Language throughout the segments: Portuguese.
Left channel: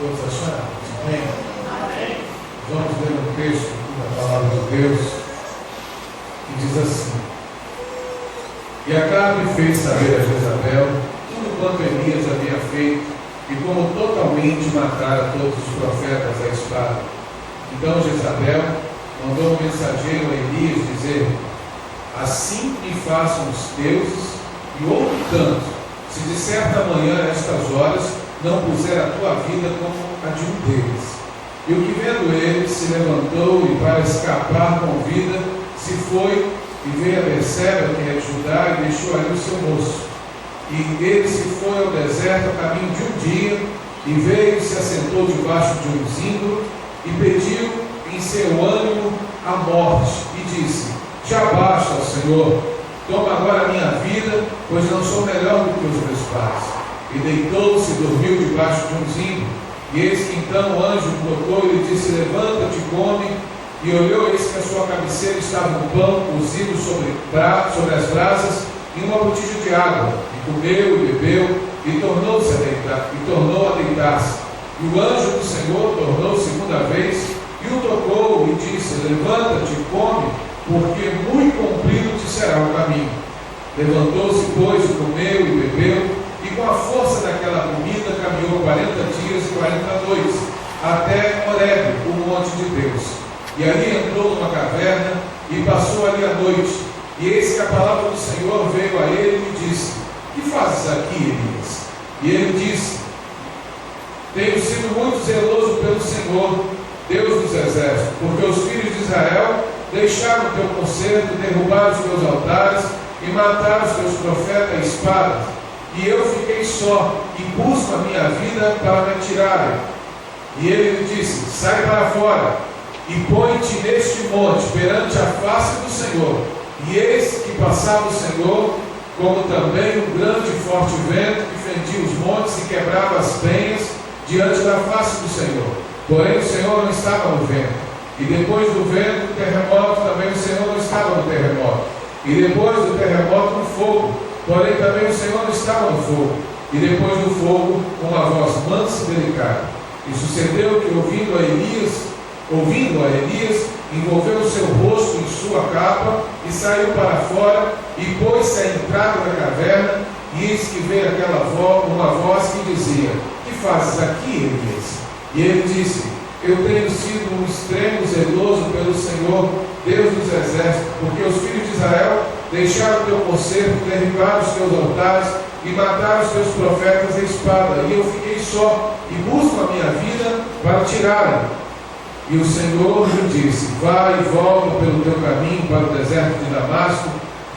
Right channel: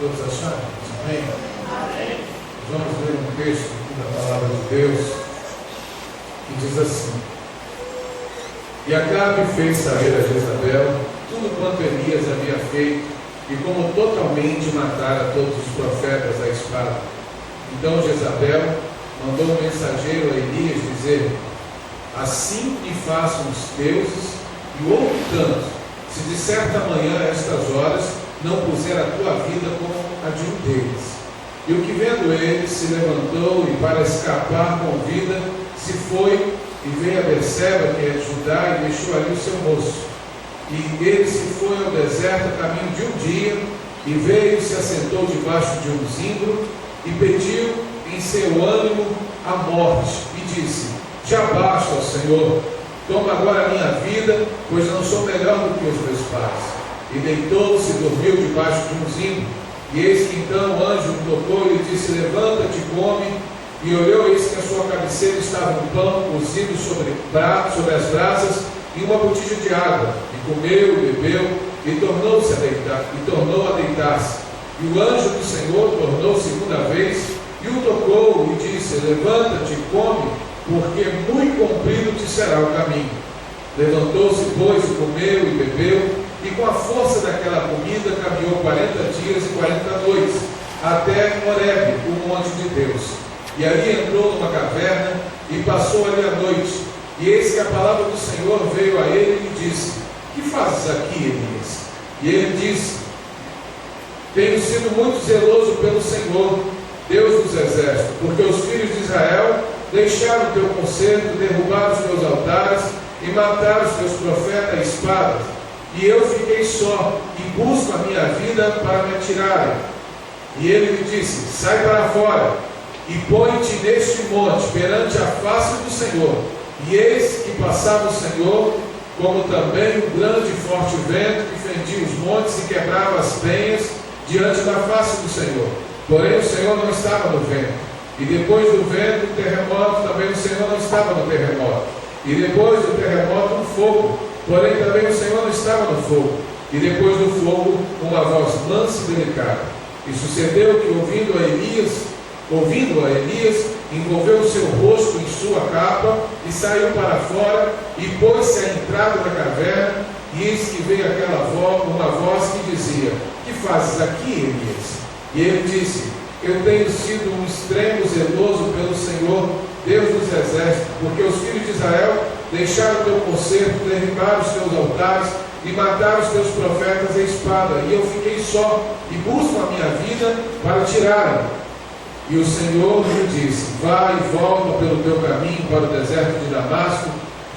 Todos acharam? Amém? Amém. Vamos ler um texto da palavra de Deus que diz assim: E Acabe fez saber a Jezabel tudo quanto Elias havia feito e como totalmente matara todos os profetas à espada. Então Jezabel mandou um mensageiro a Elias dizer: Assim me façam os deuses e outro tanto, se de certa manhã a estas horas não puser a tua vida como a de um deles. E o que vendo ele se levantou e para escapar com vida se foi e veio a Berseba, que é de Judá, e deixou ali o seu moço. E ele se foi ao deserto a caminho de um dia, e veio e se assentou debaixo de um zimbro, e pediu em seu ânimo a morte, e disse: Já basta, ó Senhor, toma agora a minha vida, pois não sou melhor do que os meus pais. E deitou-se e dormiu debaixo de um zimbro. E eis que então o anjo tocou e lhe disse: Levanta-te e come. E olhou, eis que a sua cabeceira estava um pão cozido sobre as brasas e uma botija de água. E comeu e bebeu e tornou a deitar-se. E o anjo do Senhor tornou segunda vez e o tocou e disse: Levanta-te e come, porque muito comprido te será o caminho. Levantou-se, pois, e comeu e bebeu, e com a força daquela comida caminhou 40 dias e 40 noites, até Horebe, o monte de Deus. E ali entrou numa caverna e passou ali a noite. E eis que a palavra do Senhor veio a ele e disse: Que fazes aqui, Elias? E ele disse: Tenho sido muito zeloso pelo Senhor, Deus dos exércitos, porque os filhos de Israel deixaram o teu conserto, derrubaram os teus altares e mataram os teus profetas à espada. E eu fiquei só e busco a minha vida para me tirarem. E ele lhe disse: Sai para fora e põe-te neste monte perante a face do Senhor. E eis que passava o Senhor, como também um grande e forte vento que fendia os montes e quebrava as penhas diante da face do Senhor. Porém o Senhor não estava no vento. E depois do vento, o terremoto, também o Senhor não estava no terremoto. E depois do terremoto, um fogo. Porém também o Senhor não estava no fogo. E depois do fogo, uma voz mansa e delicada. E sucedeu que, ouvindo a Elias, envolveu o seu rosto em sua capa e saiu para fora e pôs-se à entrada da caverna. E eis que veio uma voz que dizia: Que fazes aqui, Elias? E ele disse: Eu tenho sido um extremo zeloso pelo Senhor, Deus dos exércitos, porque os filhos de Israel deixaram o teu conserto, derribaram os teus altares e mataram os teus profetas à espada. E eu fiquei só e busco a minha vida para tirarem. E o Senhor lhe disse: Vai e volta pelo teu caminho para o deserto de Damasco,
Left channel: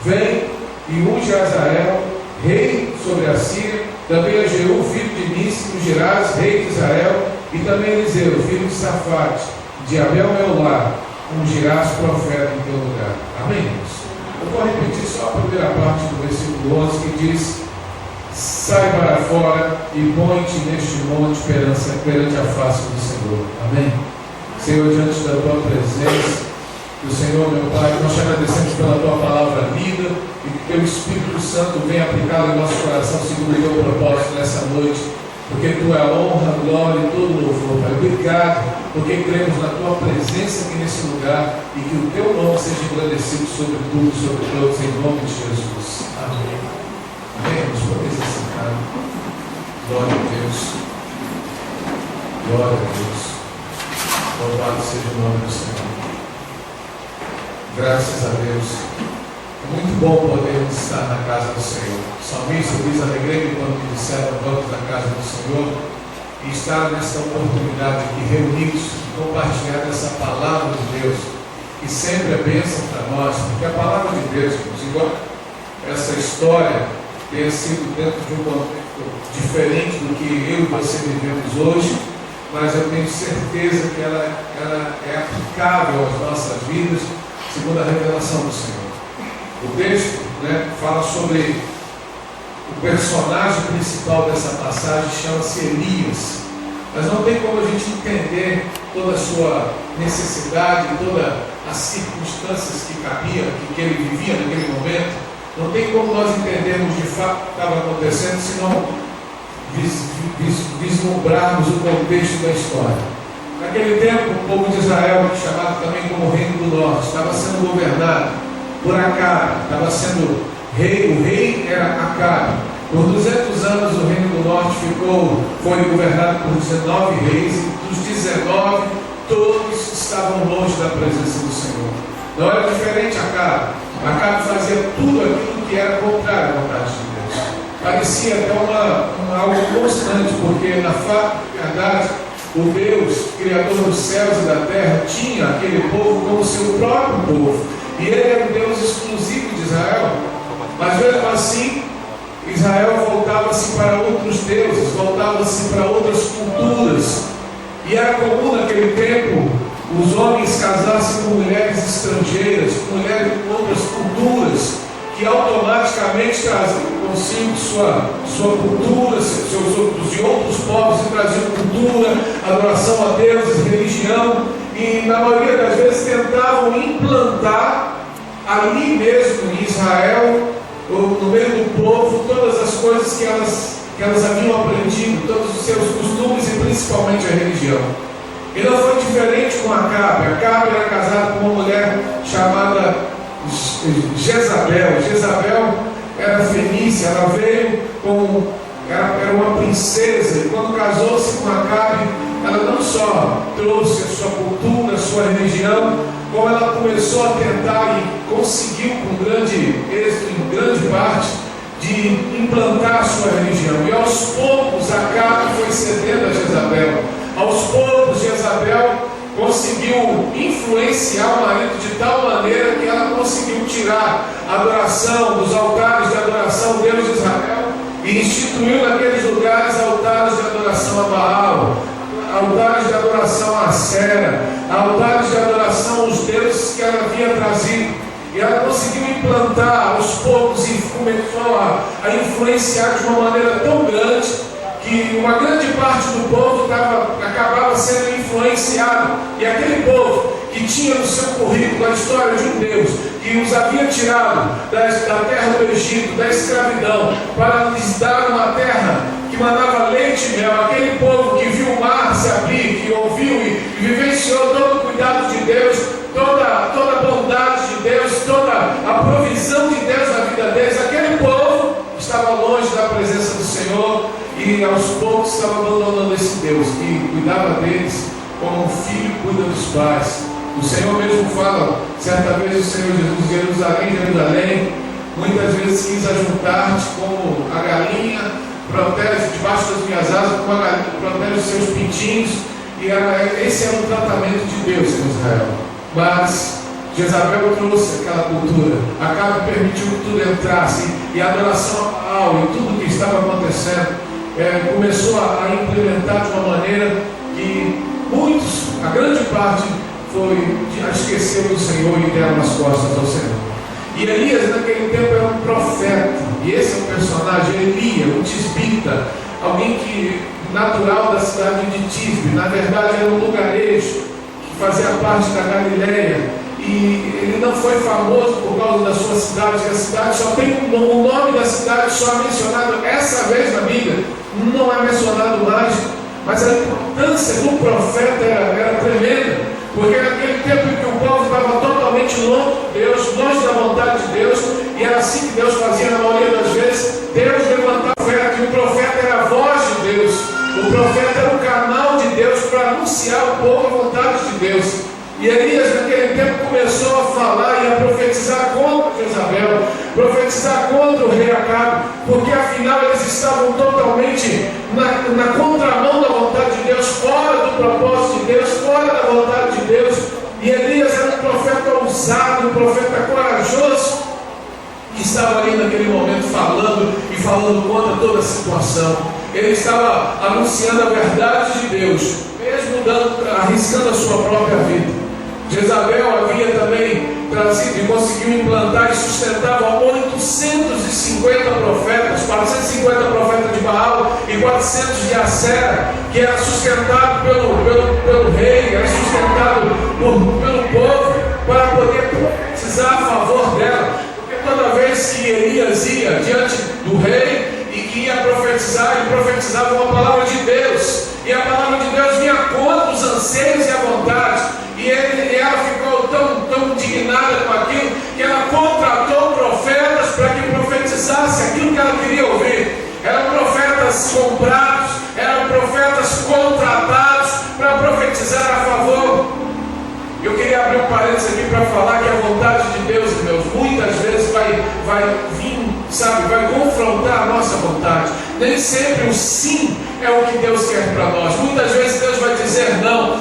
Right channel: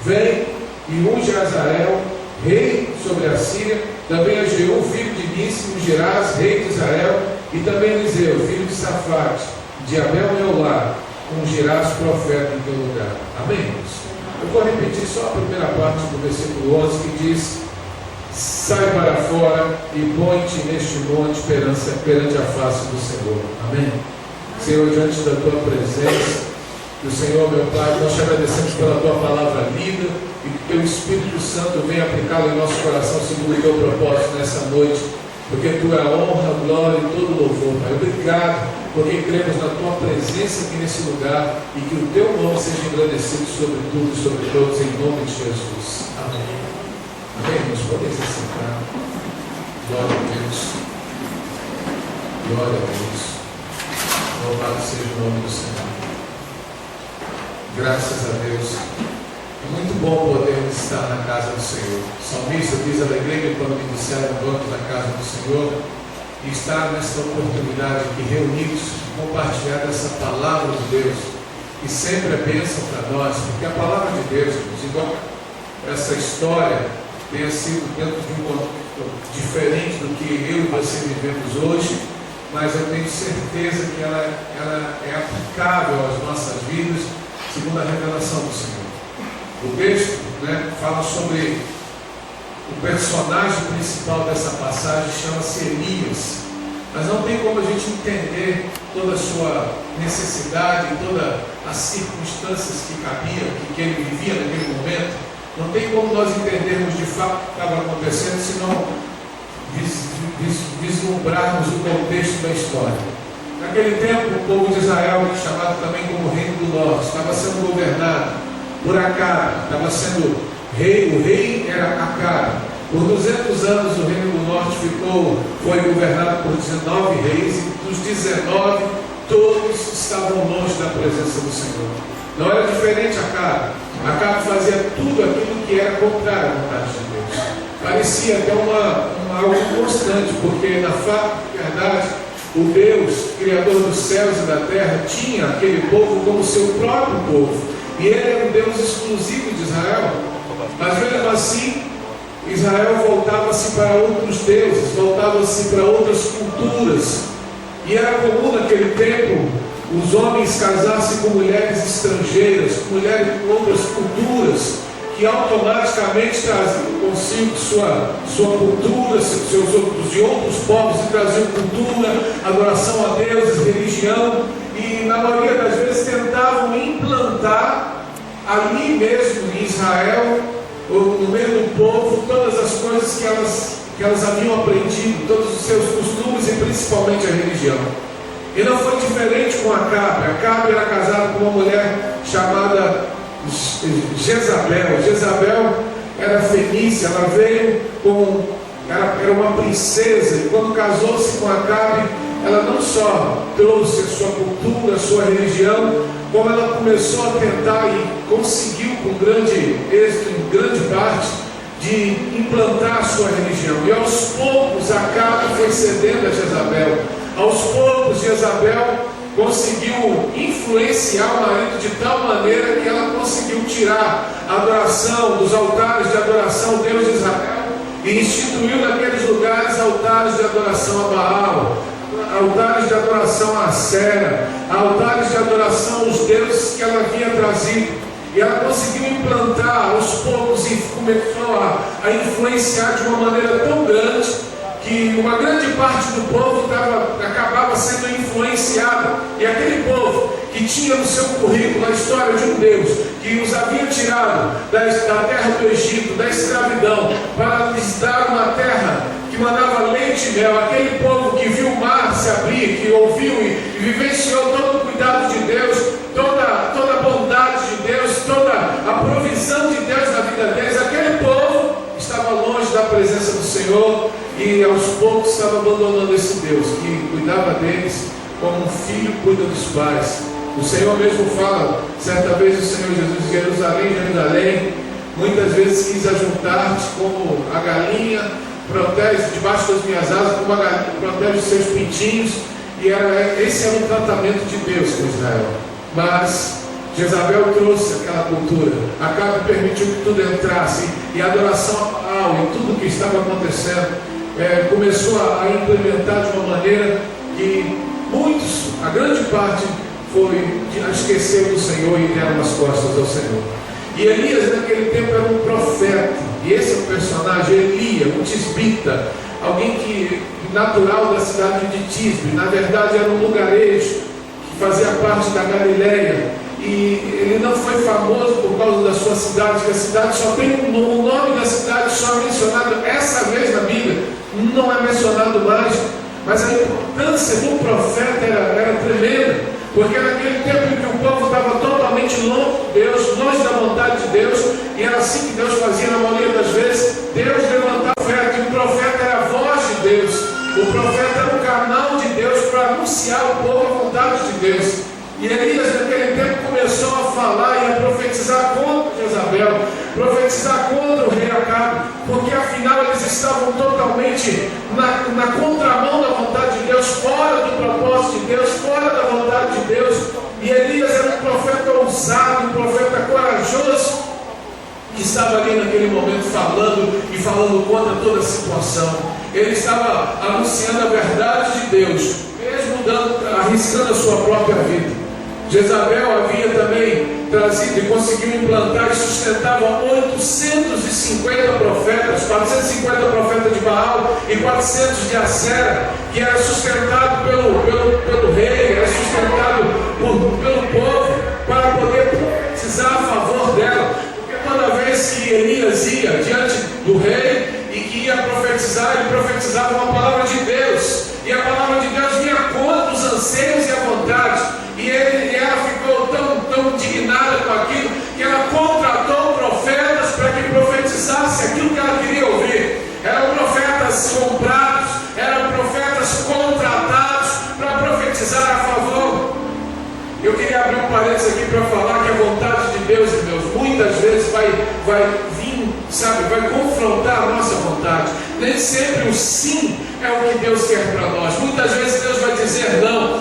vem e unge a Azael, rei sobre a Síria, também a Jeú, filho de Nissi, ungirás, rei de Israel, e também Eliseu, filho de Safate, de Abel Meolá, ungirás profeta em teu lugar. Amém, irmãos? Eu vou repetir só a primeira parte do versículo 11, que diz: Sai para fora e põe-te neste monte perante a face do Senhor. Amém? Senhor, diante da tua presença, que o Senhor, meu Pai, nós te agradecemos pela tua palavra lida e que teu Espírito Santo venha aplicado em nosso coração segundo o teu propósito nessa noite, porque tu é a honra, a glória e todo o louvor, Pai. Obrigado, porque cremos na tua presença aqui nesse lugar e que o teu nome seja engrandecido sobre tudo e sobre todos, em nome de Jesus. Amém. Amém, irmãos? Podem se sentar. Glória a Deus. Glória a Deus. Louvado seja o nome do Senhor. Graças a Deus. É muito bom poder estar na casa do Senhor. O salmista diz: Alegrei-me quando me disseram: Vamos na casa do Senhor. E estar nesta oportunidade aqui reunidos, compartilhar essa palavra de Deus, que sempre é bênção para nós, porque a palavra de Deus, embora essa história tenha sido dentro de um contexto diferente do que eu e você vivemos hoje, mas eu tenho certeza que ela é aplicável às nossas vidas, segundo a revelação do Senhor. O texto, fala sobre o personagem principal dessa passagem, chama-se Elias. Mas não tem como a gente entender toda a sua necessidade, todas as circunstâncias que cabiam, que ele vivia naquele momento. Não tem como nós entendermos de fato o que estava acontecendo, se não vislumbrarmos o contexto da história. Naquele tempo, o povo de Israel, chamado também como Reino do Norte, estava sendo governado por Acabe, estava sendo rei, o rei era Acabe. Por 200 anos o Reino do Norte foi governado por 19 reis, e dos 19, todos estavam longe da presença do Senhor. Não era diferente Acabe. Acabe fazia tudo aquilo que era contrário à vontade de Deus. Parecia até algo constante, porque na verdade, o Deus, Criador dos céus e da terra, tinha aquele povo como seu próprio povo. E ele era o Deus exclusivo de Israel. Mas mesmo assim, Israel voltava-se para outros deuses, voltava-se para outras culturas. E era comum naquele tempo os homens casassem com mulheres estrangeiras, com mulheres de outras culturas, que automaticamente traziam consigo sua cultura, dos de outros povos, que traziam cultura, adoração a deuses, religião, e na maioria das vezes tentavam implantar ali mesmo em Israel, no meio do povo, todas as coisas que elas haviam aprendido, todos os seus costumes e principalmente a religião. E não foi diferente com Acabe. Acabe era casado com uma mulher chamada Jezabel. Jezabel era fenícia, ela veio era uma princesa, e quando casou-se com Acabe, ela não só trouxe a sua cultura, a sua religião, como ela começou a tentar e conseguiu com grande êxito, em grande parte, de implantar a sua religião. E aos poucos Acabe foi cedendo a Jezabel. Aos poucos Jezabel conseguiu influenciar o marido de tal maneira que ela conseguiu tirar a adoração dos altares de adoração ao Deus de Israel e instituiu naqueles lugares altares de adoração a Baal, altares de adoração a Acera, altares de adoração aos deuses que ela havia trazido. E ela conseguiu implantar aos poucos e começou a influenciar de uma maneira tão grande que uma grande parte do povo acabava sendo influenciado. E aquele povo que tinha no seu currículo a história de um Deus que os havia tirado da terra do Egito, da escravidão, para lhes dar uma terra que mandava leite e mel, aquele povo que viu o mar se abrir, que ouviu e vivenciou todo o cuidado de Deus, toda a bondade de Deus, toda a provisão de Deus na vida deles, aquele povo estava longe da presença do Senhor e aos poucos estava abandonando esse Deus que cuidava deles como um filho cuida dos pais. O Senhor mesmo fala, certa vez o Senhor Jesus, Jerusalém, Jerusalém, muitas vezes quis ajuntar-te como a galinha protege debaixo das minhas asas, como a galinha protege os seus pintinhos, e esse era o tratamento de Deus em Israel. Mas Jezabel trouxe aquela cultura, Acabe permitiu que tudo entrasse, e a adoração a Baal e tudo o que estava acontecendo começou a implementar de uma maneira que muitos, a grande parte, foi a esquecer do Senhor e deram as costas ao Senhor. E Elias naquele tempo era um profeta, e esse é o personagem, Elias, um tisbita, alguém que natural da cidade de Tisbe, na verdade era um lugarejo que fazia parte da Galileia, e ele não foi famoso por causa da sua cidade, que a cidade só tem o nome da cidade só mencionado essa vez na Bíblia, não é mencionado mais, mas a importância do profeta era tremenda, porque naquele tempo em que o povo estava totalmente longe de Deus, longe da vontade de Deus, e era assim que Deus fazia na maioria das vezes, Deus levantava o profeta, e o profeta era a voz de Deus, o profeta era o canal de Deus para anunciar ao povo a vontade de Deus. E Elias naquele tempo começou a falar e a profetizar contra Jezabel, profetizar contra o rei Acabe, porque afinal eles estavam totalmente na contramão da vontade de Deus, fora do propósito de Deus, fora da vontade de Deus. E Elias era um profeta ousado, um profeta corajoso, que estava ali naquele momento falando contra toda a situação. Ele estava anunciando a verdade de Deus, mesmo arriscando a sua própria vida. Jezabel havia também trazido e conseguiu implantar e sustentava 850 profetas, 450 profetas de Baal e 400 de Acera, que era sustentado pelo rei, era sustentado pelo povo, para poder profetizar a favor dela. Porque toda vez que Elias ia diante do rei e que ia profetizar, ele profetizava uma palavra de vir, sabe, vai confrontar a nossa vontade. Nem sempre o sim é o que Deus quer para nós. Muitas vezes Deus vai dizer não,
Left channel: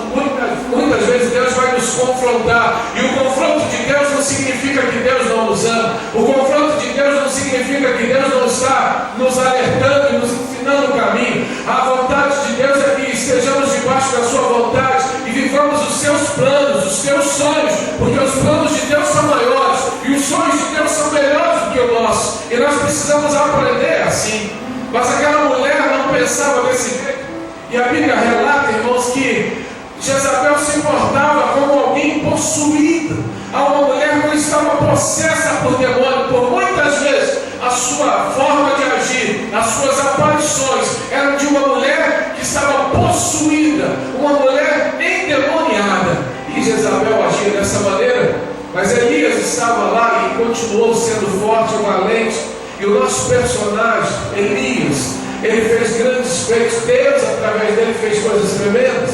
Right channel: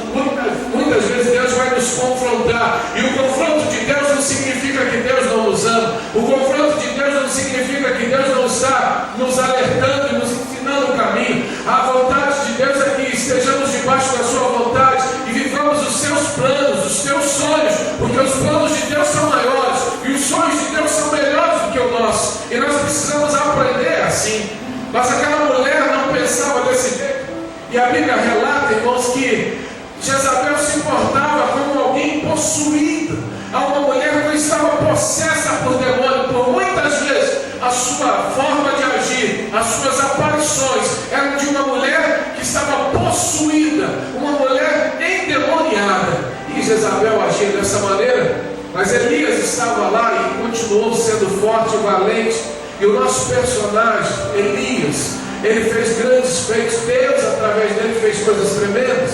muitas vezes Deus vai nos confrontar, e o confronto de Deus não significa que Deus não nos ama. O confronto de Deus não significa que Deus não está nos alertando e nos ensinando o caminho. A vontade de Deus é que estejamos debaixo da sua vontade e vivamos os seus planos, os seus sonhos, porque os planos de Deus são maiores e os sonhos de Deus são melhores do que o nosso, e nós precisamos aprender assim. Mas aquela mulher não pensava desse jeito, e a Bíblia relata, irmãos, que Jezabel se portava como alguém possuído, uma mulher que estava possessa por demônio. Por muitas vezes a sua forma de agir, as suas aparições eram de uma mulher que estava possuída, uma mulher endemoniada, e Jezabel agia dessa maneira. Mas Elias estava lá e continuou sendo forte e valente. E o nosso personagem, Elias, ele fez grandes feitos. Deus, através dele, fez coisas tremendas.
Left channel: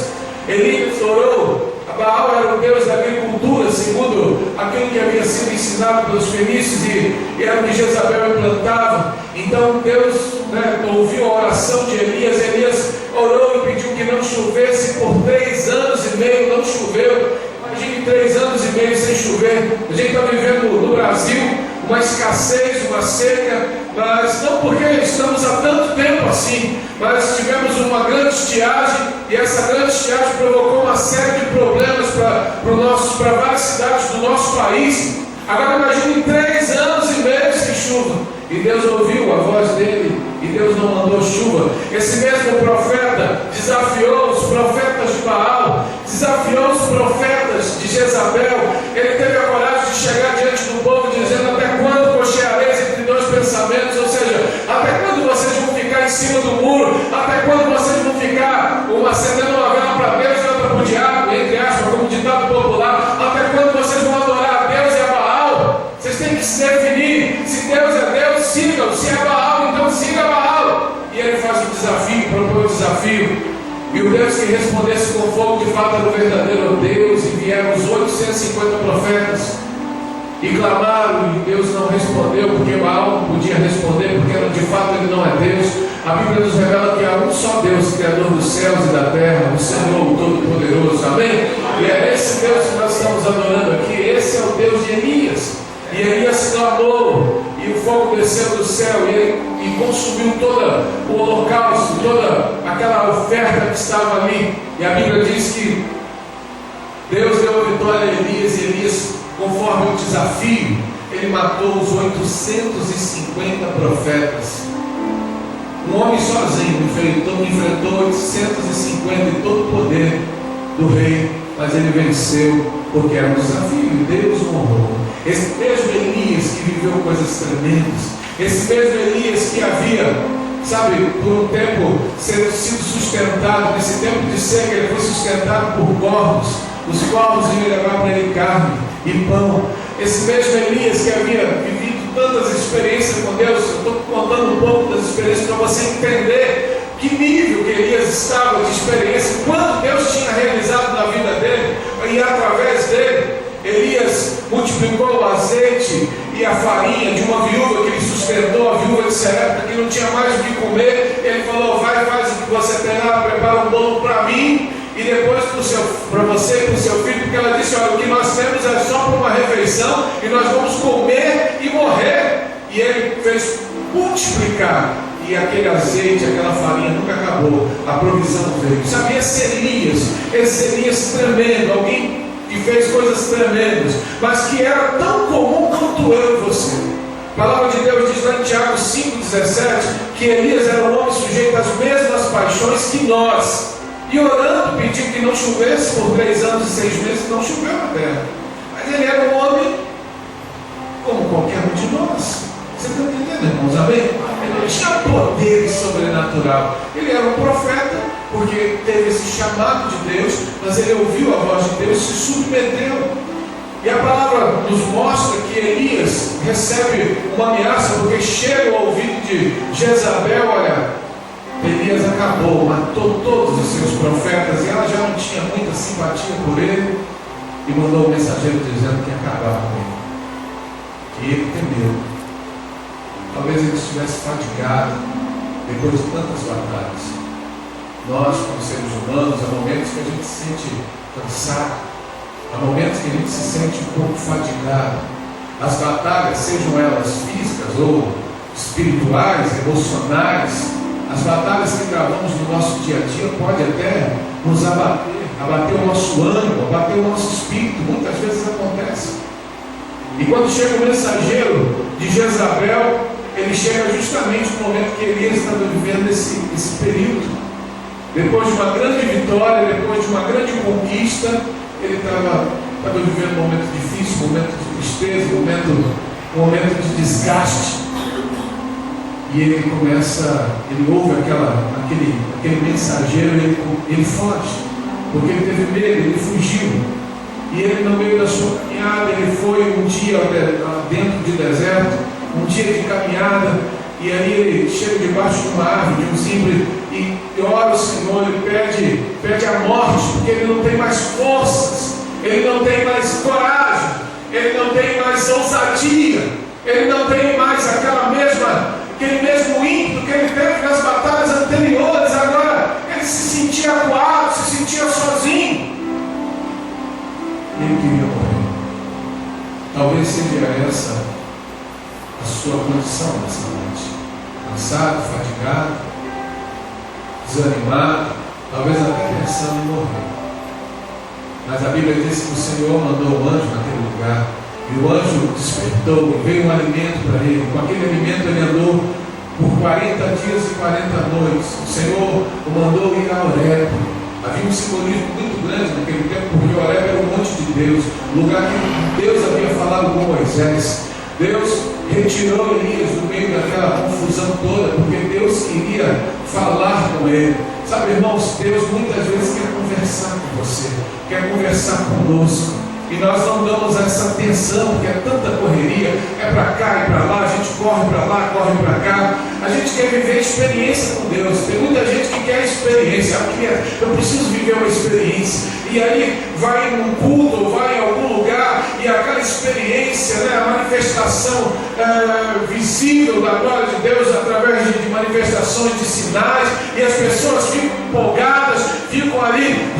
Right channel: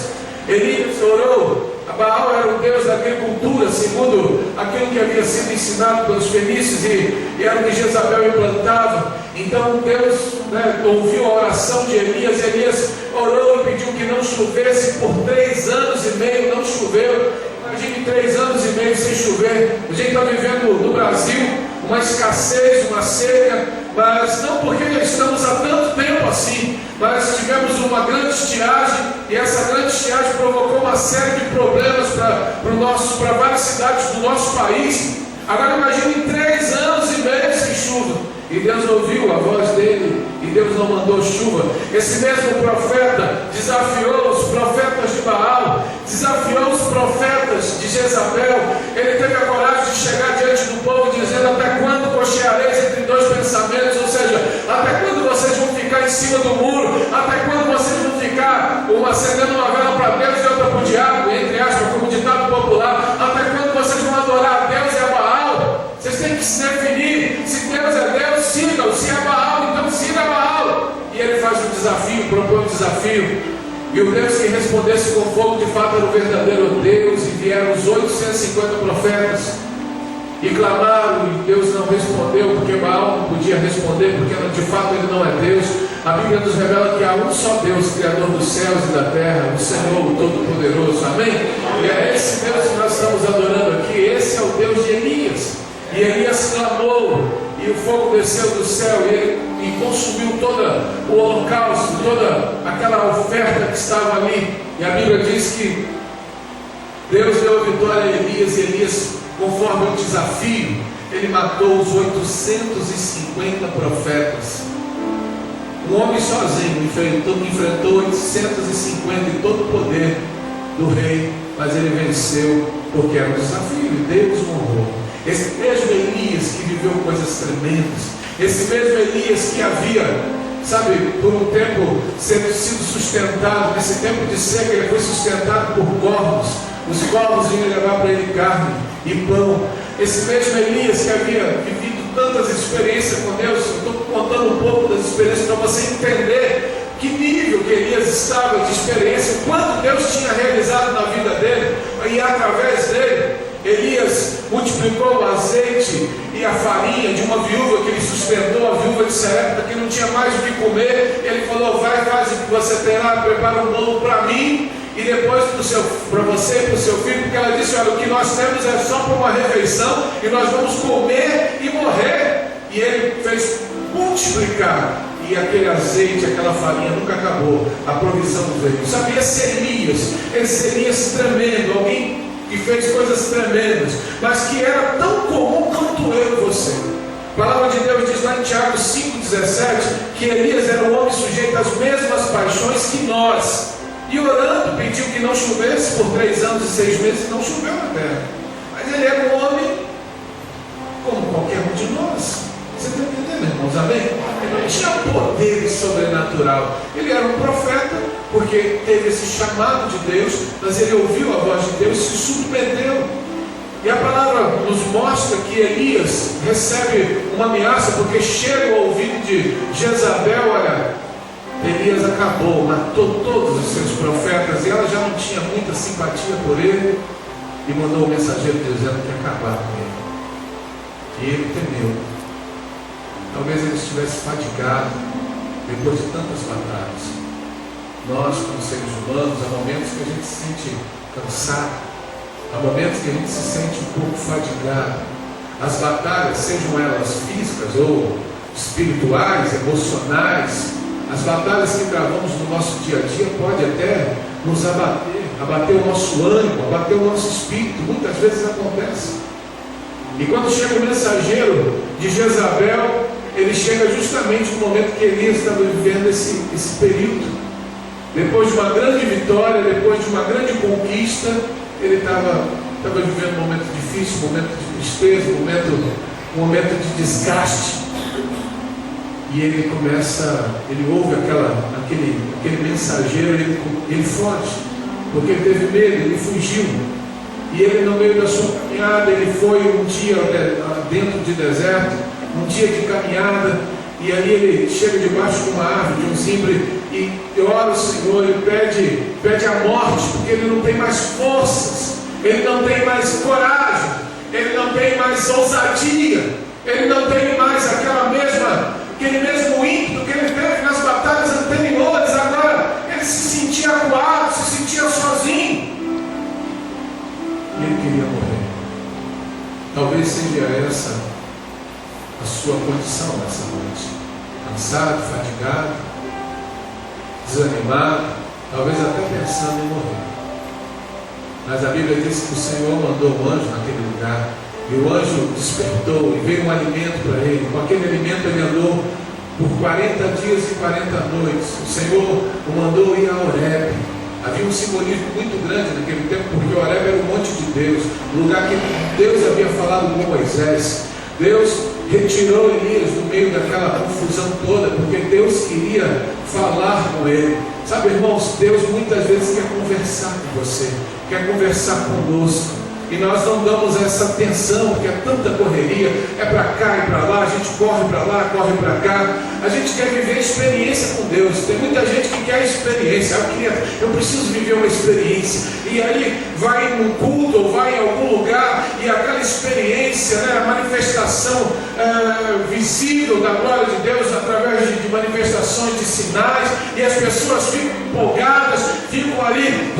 Elias orou. Baal era o deus da agricultura, segundo aquilo que havia sido ensinado pelos fenícios, e era o que Jezabel implantava. Então Deus ouviu a oração de Elias. Elias orou e pediu que não chovesse por 3 anos e meio. Não choveu. Imagine 3 anos e meio sem chover. A gente está vivendo no Brasil uma escassez, uma seca, mas não porque estamos há tanto tempo assim, mas tivemos uma grande estiagem, e essa grande estiagem provocou uma série de problemas para várias cidades do nosso país. Agora imagine 3 anos e meio sem chuva, e Deus ouviu a voz dele, e Deus não mandou chuva. Esse mesmo profeta desafiou os profetas de Baal, desafiou os profetas de Jezabel. Ele teve a coragem de chegar diante do povo dizendo: até quando cocheareis entre 2 pensamentos? Ou seja, até quando vocês vão ficar em cima do muro? Até quando vocês vão ficar acendendo uma vela para Deus e outra para o diabo, entre aspas, como ditado popular? Até quando vocês vão adorar a Deus e a Baal? Vocês têm que se definir. Se Deus é Deus, sigam. Se é Baal, então siga Baal. E ele faz um desafio, propõe um desafio. E o Deus que respondesse com fogo, de fato, era o verdadeiro Deus. E vieram os 850 profetas e clamaram, e Deus não respondeu, porque Baal não podia responder, porque de fato ele não é Deus. A Bíblia nos revela que há um só Deus, Criador dos céus e da terra, o Senhor, o Todo-Poderoso. Amém? E é esse Deus que nós estamos adorando aqui. Esse é o Deus de Elias. E Elias clamou, e o fogo desceu do céu e consumiu todo o holocausto, toda aquela oferta que estava ali. E a Bíblia diz que Deus deu a vitória a Elias, e Elias, conforme o desafio, ele matou os 850 profetas. Um homem sozinho enfrentou 850 e todo o poder do rei, mas ele venceu porque era um desafio, e Deus o honrou. Esse mesmo Elias que viveu coisas tremendas, esse mesmo Elias que havia, por um tempo sido sustentado, nesse tempo de seca, ele foi sustentado por corvos. Os corvos iam levar para ele carne e pão. Esse mesmo Elias que havia vivido tantas experiências com Deus, eu estou contando um pouco das experiências para você entender que nível que Elias estava de experiência, quanto Deus tinha realizado na vida dele, e através dele, Elias multiplicou o azeite e a farinha de uma viúva que ele sustentou, a viúva de Sarepta, que não tinha mais o que comer. Ele falou: vai, faz o que você terá, prepara um bolo para mim e depois para você e para o seu filho, porque ela disse: olha, o que nós temos é só para uma refeição e nós vamos comer e morrer. E ele fez multiplicar, e aquele azeite, aquela farinha nunca acabou, a provisão veio. Sabe, esse Elias tremendo, alguém que fez coisas tremendas, mas que era tão comum quanto eu e você. A palavra de Deus diz lá em Tiago 5,17 que Elias era um homem sujeito às mesmas paixões que nós, e orando pediu que não chovesse por 3 anos e 6 meses. Não choveu na terra, mas ele era um homem como qualquer um de nós. Você está entendendo, irmãos? Amém? Ele não tinha poder sobrenatural. Ele era um profeta, porque teve esse chamado de Deus, mas ele ouviu a voz de Deus e se submeteu. E a palavra nos mostra que Elias recebe uma ameaça, porque chega ao ouvido de Jezabel: olha, Elias acabou, matou todos os seus profetas, e ela já não tinha muita simpatia por ele, e mandou um mensageiro dizendo que ia acabar com ele. E ele temeu. talvez ele estivesse fatigado depois de tantas batalhas. Nós, como seres humanos, há momentos que a gente se sente cansado, há momentos que a gente se sente um pouco fatigado. As batalhas, sejam elas físicas ou espirituais, emocionais, as batalhas que travamos no nosso dia a dia podem até nos abater o nosso ânimo, abater o nosso espírito. Muitas vezes acontece. E quando chega o mensageiro de Jezabel, ele chega justamente no momento que Elias estava vivendo esse período. Depois de uma grande vitória, depois de uma grande conquista, ele estava vivendo um momento difícil, um momento de tristeza, um momento de desgaste. E ele ouve aquele mensageiro, ele foge, porque ele teve medo, ele fugiu. E ele, no meio da sua caminhada, ele foi um dia dentro de deserto, um dia de caminhada, e aí ele chega debaixo de uma árvore, de um zimbro, e ora ao Senhor, ele pede a morte, porque ele não tem mais forças, ele não tem mais coragem, ele não tem mais ousadia, ele não tem mais aquele mesmo ímpeto que ele teve nas batalhas anteriores. Agora ele se sentia acuado, se sentia sozinho, e ele queria morrer. Talvez seja essa a sua condição nessa noite: cansado, fatigado, desanimado, talvez até pensando em morrer. Mas a Bíblia diz que o Senhor mandou um anjo naquele lugar, e o anjo despertou, e veio um alimento para ele. Com aquele alimento ele andou por 40 dias e 40 noites. O Senhor o mandou ir a Horebe. Havia um simbolismo muito grande naquele tempo, porque Horebe era o monte de Deus, o lugar que Deus havia falado com Moisés. Deus retirou Elias do meio daquela confusão toda, porque Deus queria falar com ele. Sabe, irmãos, Deus muitas vezes quer conversar com você, quer conversar conosco. E nós não damos essa atenção, porque é tanta correria, é para cá e para lá, a gente corre para lá, corre para cá. A gente quer viver experiência com Deus. Tem muita gente que quer experiência. Eu preciso viver uma experiência. E aí vai num culto, ou vai em algum lugar, e aquela experiência, a manifestação visível da glória de Deus através de manifestações de sinais, e as pessoas ficam empolgadas, ficam ali,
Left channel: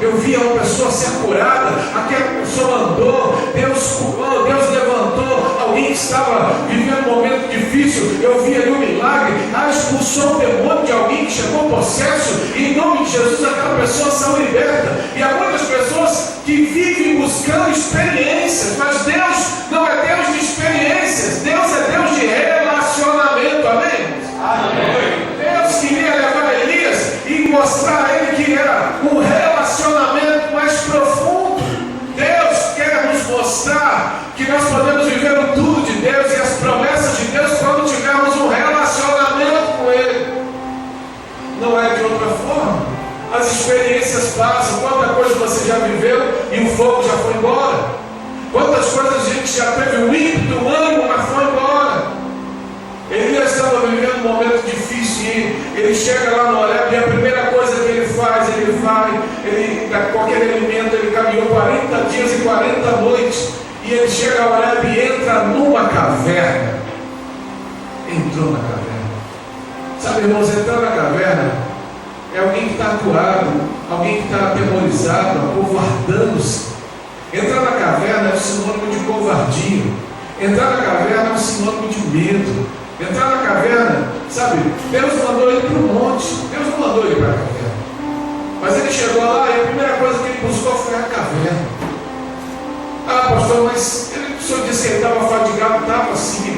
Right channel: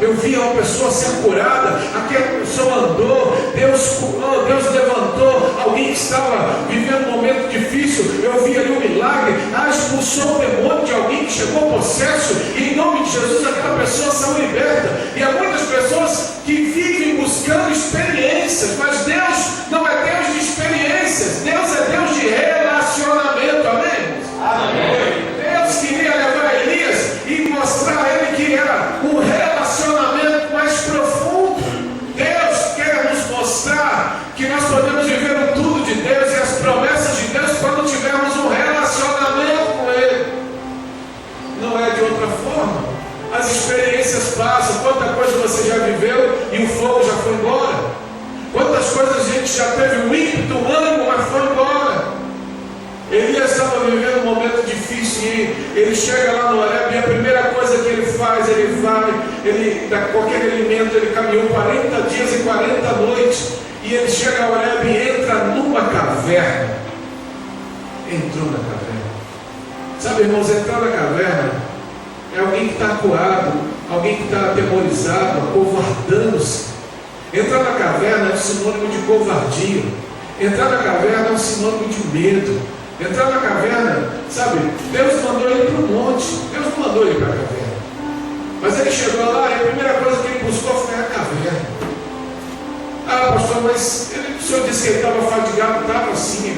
eu vi uma pessoa ser curada, aquela pessoa andou, Deus curou, Deus levantou alguém que estava vivendo um momento difícil, eu vi ali um milagre, expulsou o demônio de alguém que chegou possesso, e em nome de Jesus aquela pessoa saiu liberta. E há muitas pessoas que vivem buscando experiências, mas Deus não é Deus de experiências, Deus é Deus de relacionamento. Amém? Amém. Deus queria levar Elias e mostrar a ele que era um relacionamento mais profundo. Deus quer nos mostrar que nós podemos viver o tudo de Deus e as promessas de Deus quando tivermos um relacionamento com Ele. Não é de outra forma. As experiências passam. Quanta coisa você já viveu e o fogo já foi embora. Quantas coisas a gente já teve o ímpeto, o ânimo, mas foi embora. Elias estava vivendo um momento difícil e ele chega lá no Horebe, e a primeira coisa que ele faz, com aquele alimento, ele caminhou 40 dias e 40 noites, e ele chega ao Horebe e entra numa caverna. Entrou na caverna. Sabe, irmãos, entrar na caverna é alguém que está acuado, alguém que está atemorizado, acovardando-se. Entrar na caverna é um sinônimo de covardia. Entrar na caverna é um sinônimo de medo. Entrar na caverna, sabe, Deus mandou ele para o monte, Deus não mandou ele para a caverna. Mas ele chegou lá e a primeira coisa que ele buscou foi a caverna. Pastor, mas o senhor disse que ele estava fatigado. Estava sim,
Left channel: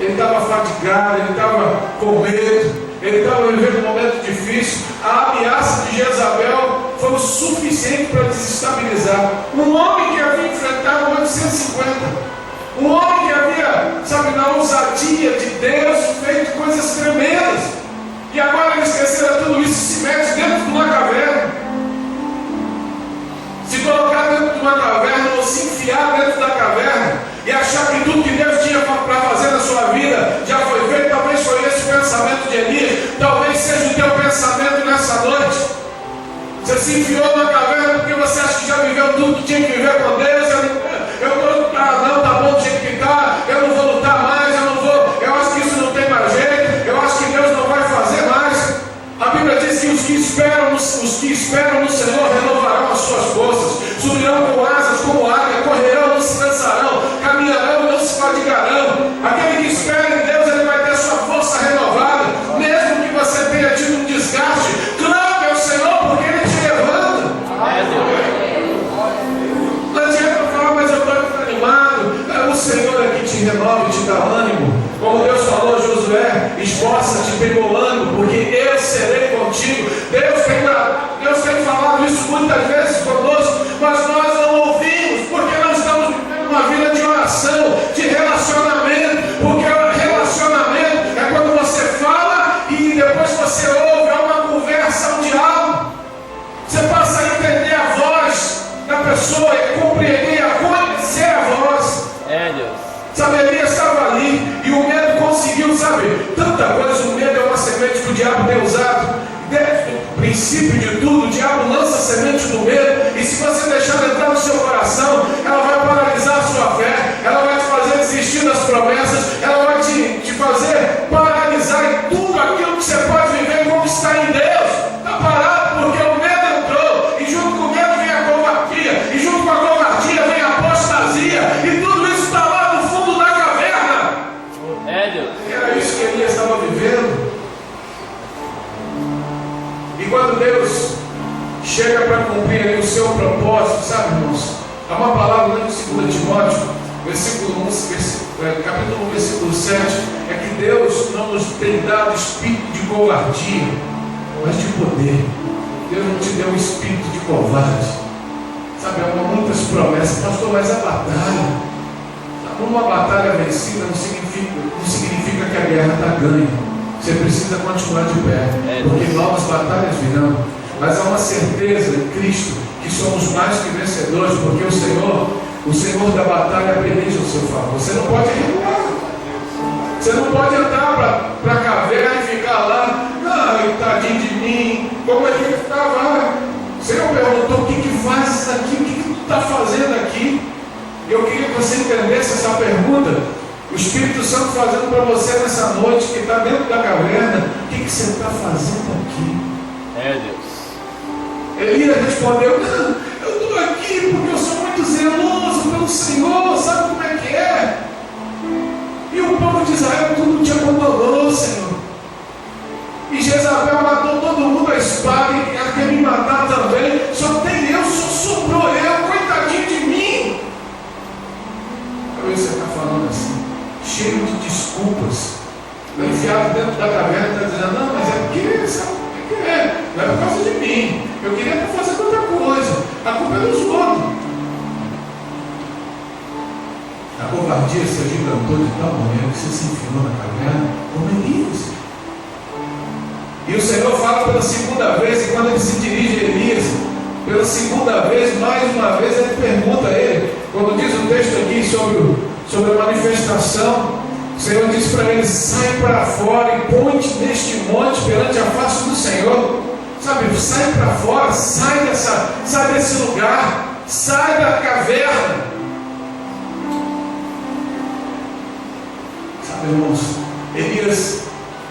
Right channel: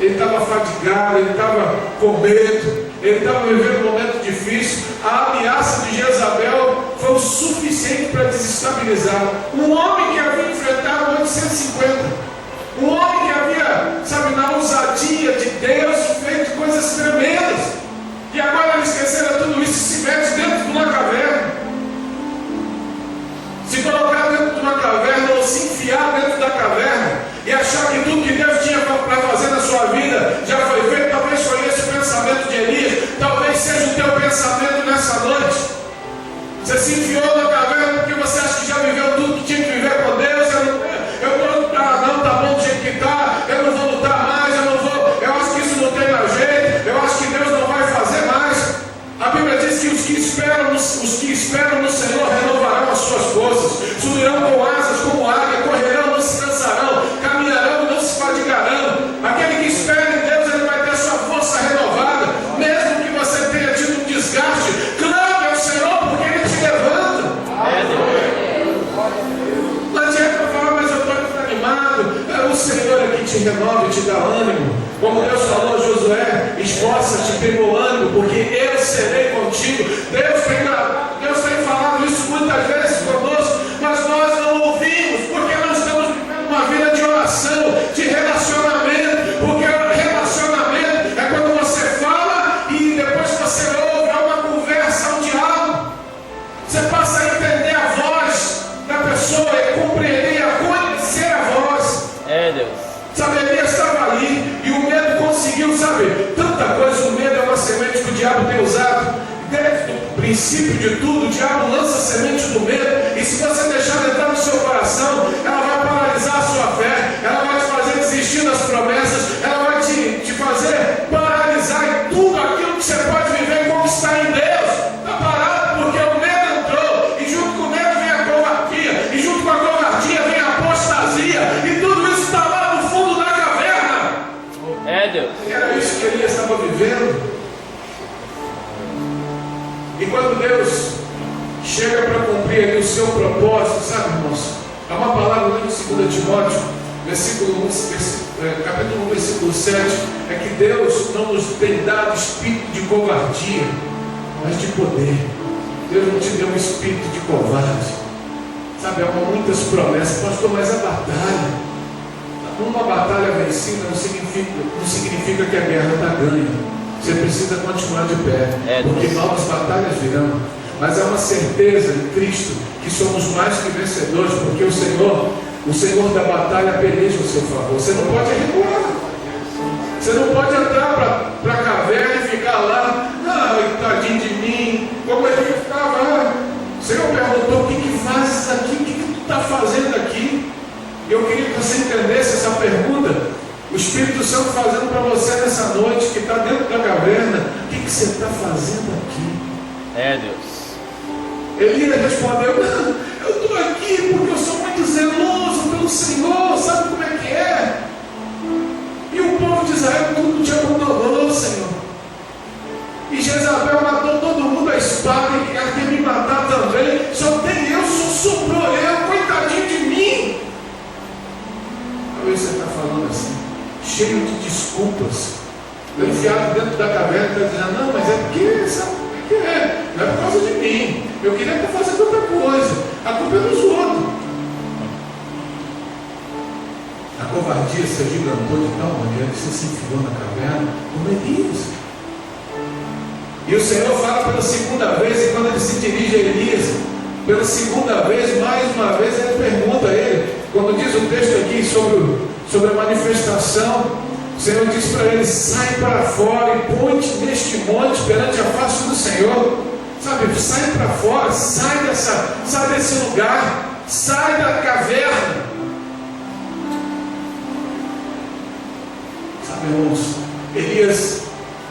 ele estava fatigado, ele estava com medo, ele estava vivendo um momento difícil. A ameaça de Jezabel foi o suficiente para desestabilizar um homem que havia enfrentado 850, um homem que havia, sabe, na ousadia de Deus, feito coisas tremendas, e agora ele esqueceram tudo isso e se mete dentro de uma caverna. Se colocar dentro de uma caverna, ou se enfiar dentro da caverna e achar que tudo que Deus tinha para fazer na sua vida já foi feito. Talvez foi esse o pensamento de Elias, talvez seja o teu pensamento nessa noite. Você se enfiou na caverna porque você acha que já viveu tudo que tinha que viver com Deus. Não, tá bom do jeito que está, eu não vou lutar mais, eu acho que isso Senhor é que te renova e te dá ânimo. Como Deus falou a Josué, esforça-te tremulando, porque eu serei contigo. Deus tem falado isso muitas vezes conosco, mas nós não ouvimos, porque nós estamos vivendo uma vida de oração, de relacionamento. Porque relacionamento é quando você fala e depois você ouve, é uma conversa, um diálogo. Você passa a entender a voz da pessoa e compreender, a conhecer a voz. Deus. Sabe, Elias estava ali e o medo conseguiu, sabe? Tanta coisa, o medo é uma semente que o diabo tem usado. Desde o princípio de tudo, o diabo lança a semente do medo, e se você deixar ela entrar no seu coração, ela vai paralisar a sua fé, ela vai te fazer desistir das promessas, ela vai te fazer paralisar em tudo aquilo que você pode viver e conquistar em Deus. Está parado porque o medo entrou, e junto com o medo vem a covardia, e junto com a covardia vem a apostasia, e tudo isso está lá no fundo da caverna. Deus. Era isso que Elias estava vivendo. E quando Deus chega para cumprir ali o seu propósito, sabe, irmãos? Há uma palavra lá em 2 Timóteo, capítulo 1, versículo 7, é que Deus não nos tem dado espírito de covardia, mas de poder. Deus não te deu um espírito de covarde. Sabe, há muitas promessas, pastor, mas a batalha, uma batalha vencida não significa que a guerra está ganha. Você precisa continuar de pé, porque novas batalhas virão. Mas há uma certeza em Cristo que somos mais que vencedores, porque o Senhor da batalha peleja ao seu favor. Você não pode recuar. Você não pode entrar para a caverna e ficar lá, tadinho de mim, como ele estava. O Senhor perguntou: o que fazes aqui? O que tu está fazendo aqui? Eu queria que você entendesse essa pergunta. O Espírito Santo fazendo para você nessa noite, que está dentro da caverna: o que você está fazendo aqui? Deus. Elias respondeu: não, eu estou aqui porque eu sou muito zeloso pelo Senhor, sabe como é que é? E o povo de Israel tudo te abandonou, Senhor. E Jezabel matou todo mundo a espada, e ela quer me matar também. Só tem eu, só sobrou eu, coitadinho de mim. Talvez você está falando assim, cheio de desculpas. O enfiado dentro da caverna está dizendo: não, mas é porque, sabe o que é? Não é por causa de mim. Eu queria estar fazendo outra coisa. A culpa é dos outros. A covardia se agigantou de tal maneira que você se enfiou na caverna como Elias. E o Senhor fala pela segunda vez, e quando ele se dirige a Elias, pela segunda vez, mais uma vez, ele pergunta a ele, quando diz o texto aqui sobre a manifestação, o Senhor diz para ele: sai para fora e põe-te neste monte perante a face do Senhor. Sabe, sai para fora, sai desse lugar, sai da caverna. Sabe, irmãos, Elias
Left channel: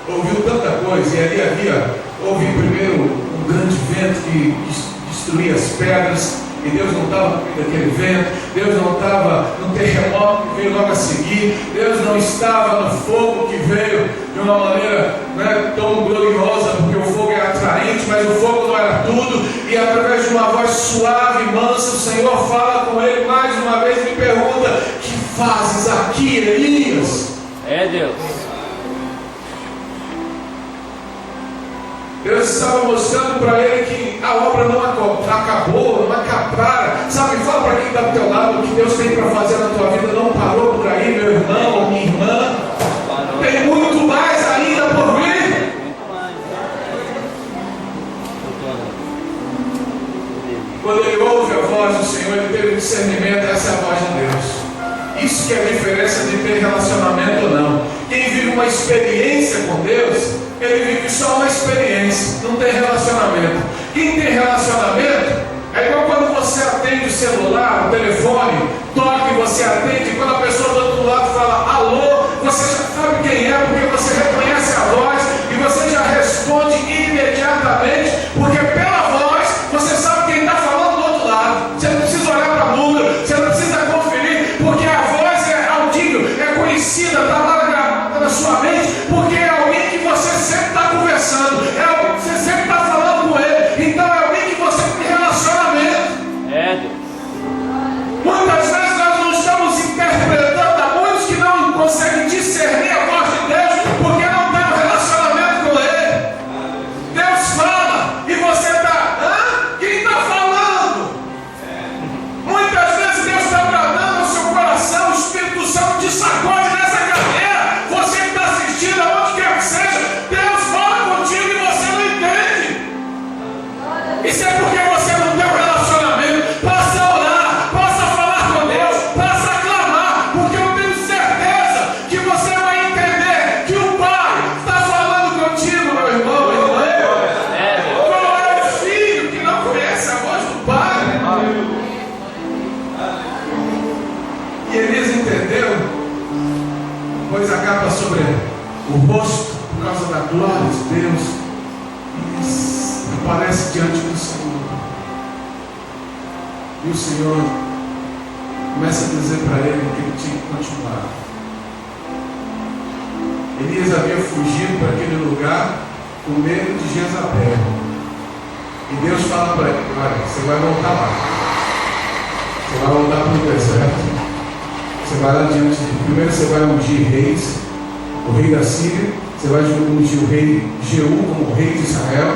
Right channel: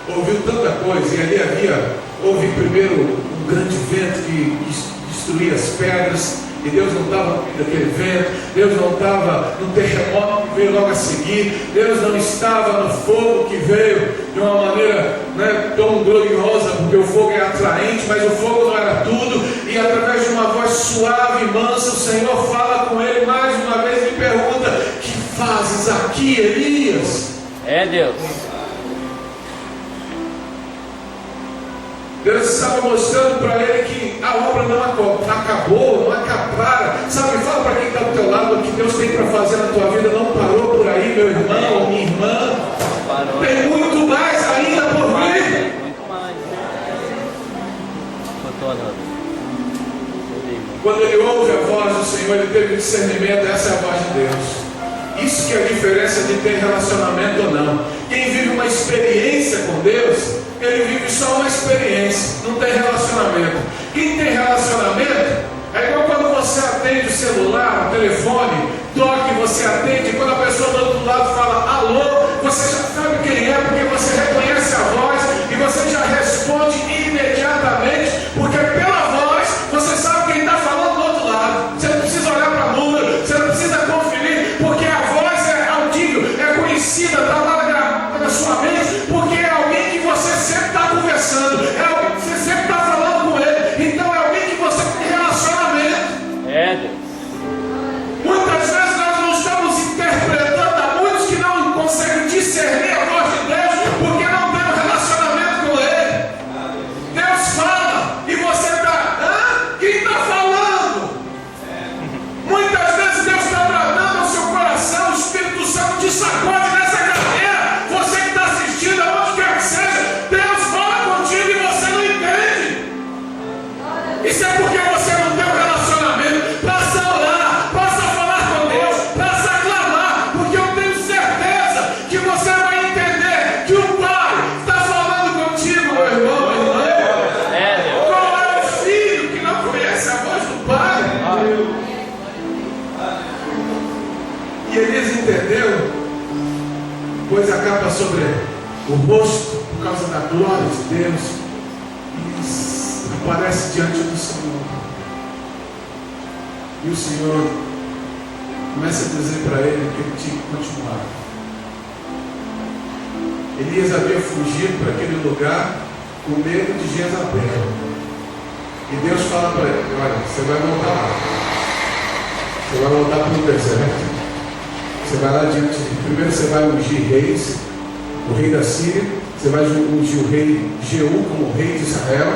ouviu tanta coisa, e ali houve primeiro um grande vento que destruía as pedras, e Deus não estava naquele vento, Deus não estava no terremoto que veio logo a seguir, Deus não estava no fogo que veio de uma maneira tão gloriosa, porque o fogo é atraente, mas o fogo não era tudo. E através de uma voz suave e mansa, o Senhor fala com ele mais uma vez e me pergunta: que fazes aqui, Elias? Deus. Deus estava mostrando para ele que a obra não acabou, não acabara. Sabe, fala para quem está do teu lado: o que Deus tem para fazer na tua vida não parou por aí, meu irmão ou minha irmã. Tem muito mais ainda por vir. Muito mais. Quando ele ouve a voz do Senhor, ele teve discernimento: essa é a voz de Deus. Isso que é a diferença de ter relacionamento ou não. Quem vive uma experiência com Deus, ele vive só uma experiência, não tem relacionamento. Quem tem relacionamento é igual quando você atende o celular, o telefone, toca e você atende, e quando a pessoa do outro lado fala alô, você já sabe quem é, porque você reconhece a voz e você já responde imediatamente, porque pela voz você sabe quem está falando do outro lado. Você não precisa olhar para a número, você não precisa conferir, porque a voz é audível, é conhecida, está lá na sua mente, porque é alguém que você sempre está conversando, é alguém que você sempre está falando com ele, então é alguém que você tem relacionamento. Deus. Muitas vezes nós não estamos pôs a capa sobre o rosto por causa da glória de Deus e aparece diante do Senhor. E o Senhor começa a dizer para ele que ele tinha que continuar. Elias havia fugido para aquele lugar com medo de Jezabel. E Deus fala para ele: olha, você vai voltar lá. Você vai voltar para o deserto. Você vai lá diante de... Primeiro você vai ungir reis, o rei da Síria. Você vai ungir o rei Jeú como rei de Israel.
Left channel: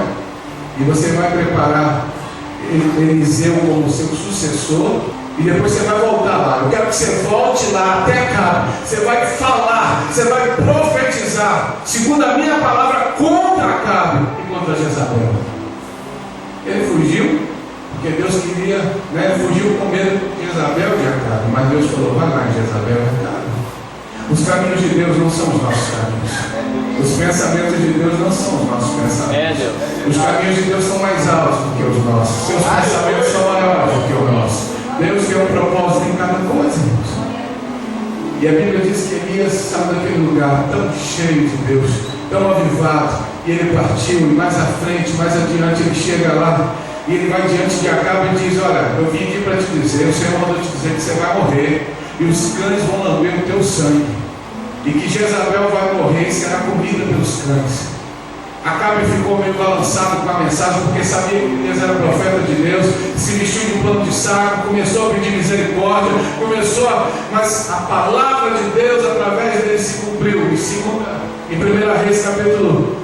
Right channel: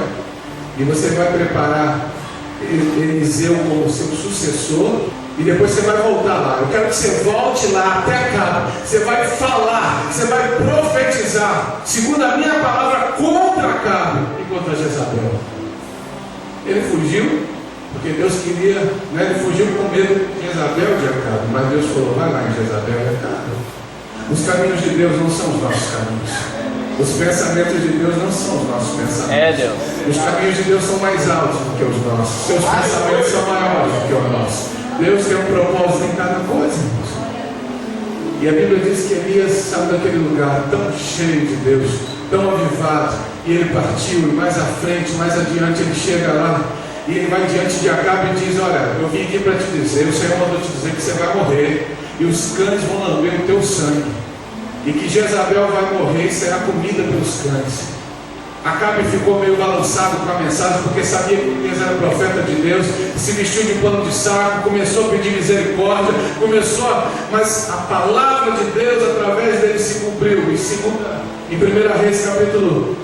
E você vai preparar Eliseu como seu sucessor. E depois você vai voltar lá. Eu quero que você volte lá até Acabe. Você vai falar, você vai profetizar, segundo a minha palavra, contra Acabe e contra Jezabel. Ele fugiu, porque Deus queria, né? Ele fugiu com medo de Jezabel e de Acabe. Mas Deus falou: vai lá em Jezabel e Acabe. Os caminhos de Deus não são os nossos caminhos. Os pensamentos de Deus não são os nossos pensamentos. Os caminhos de Deus são mais altos do que os nossos. Seus pensamentos são maiores do que os nossos. Deus tem um propósito em cada coisa, irmãos. E a Bíblia diz que Elias saiu daquele lugar tão cheio de Deus, tão avivado, e ele partiu, e mais à frente, mais adiante, ele chega lá, e ele vai diante de Acabe e diz: olha, eu vim aqui para te dizer, o Senhor mandou te dizer que você vai morrer, e os cães vão lamber o teu sangue, e que Jezabel vai morrer e será comida pelos cães. Acabe ficou meio balançado com a mensagem, porque sabia que Elias era profeta de Deus, se vestiu de um pano de saco, começou a pedir misericórdia, mas a palavra de Deus através dele se cumpriu. Em 1 Reis capítulo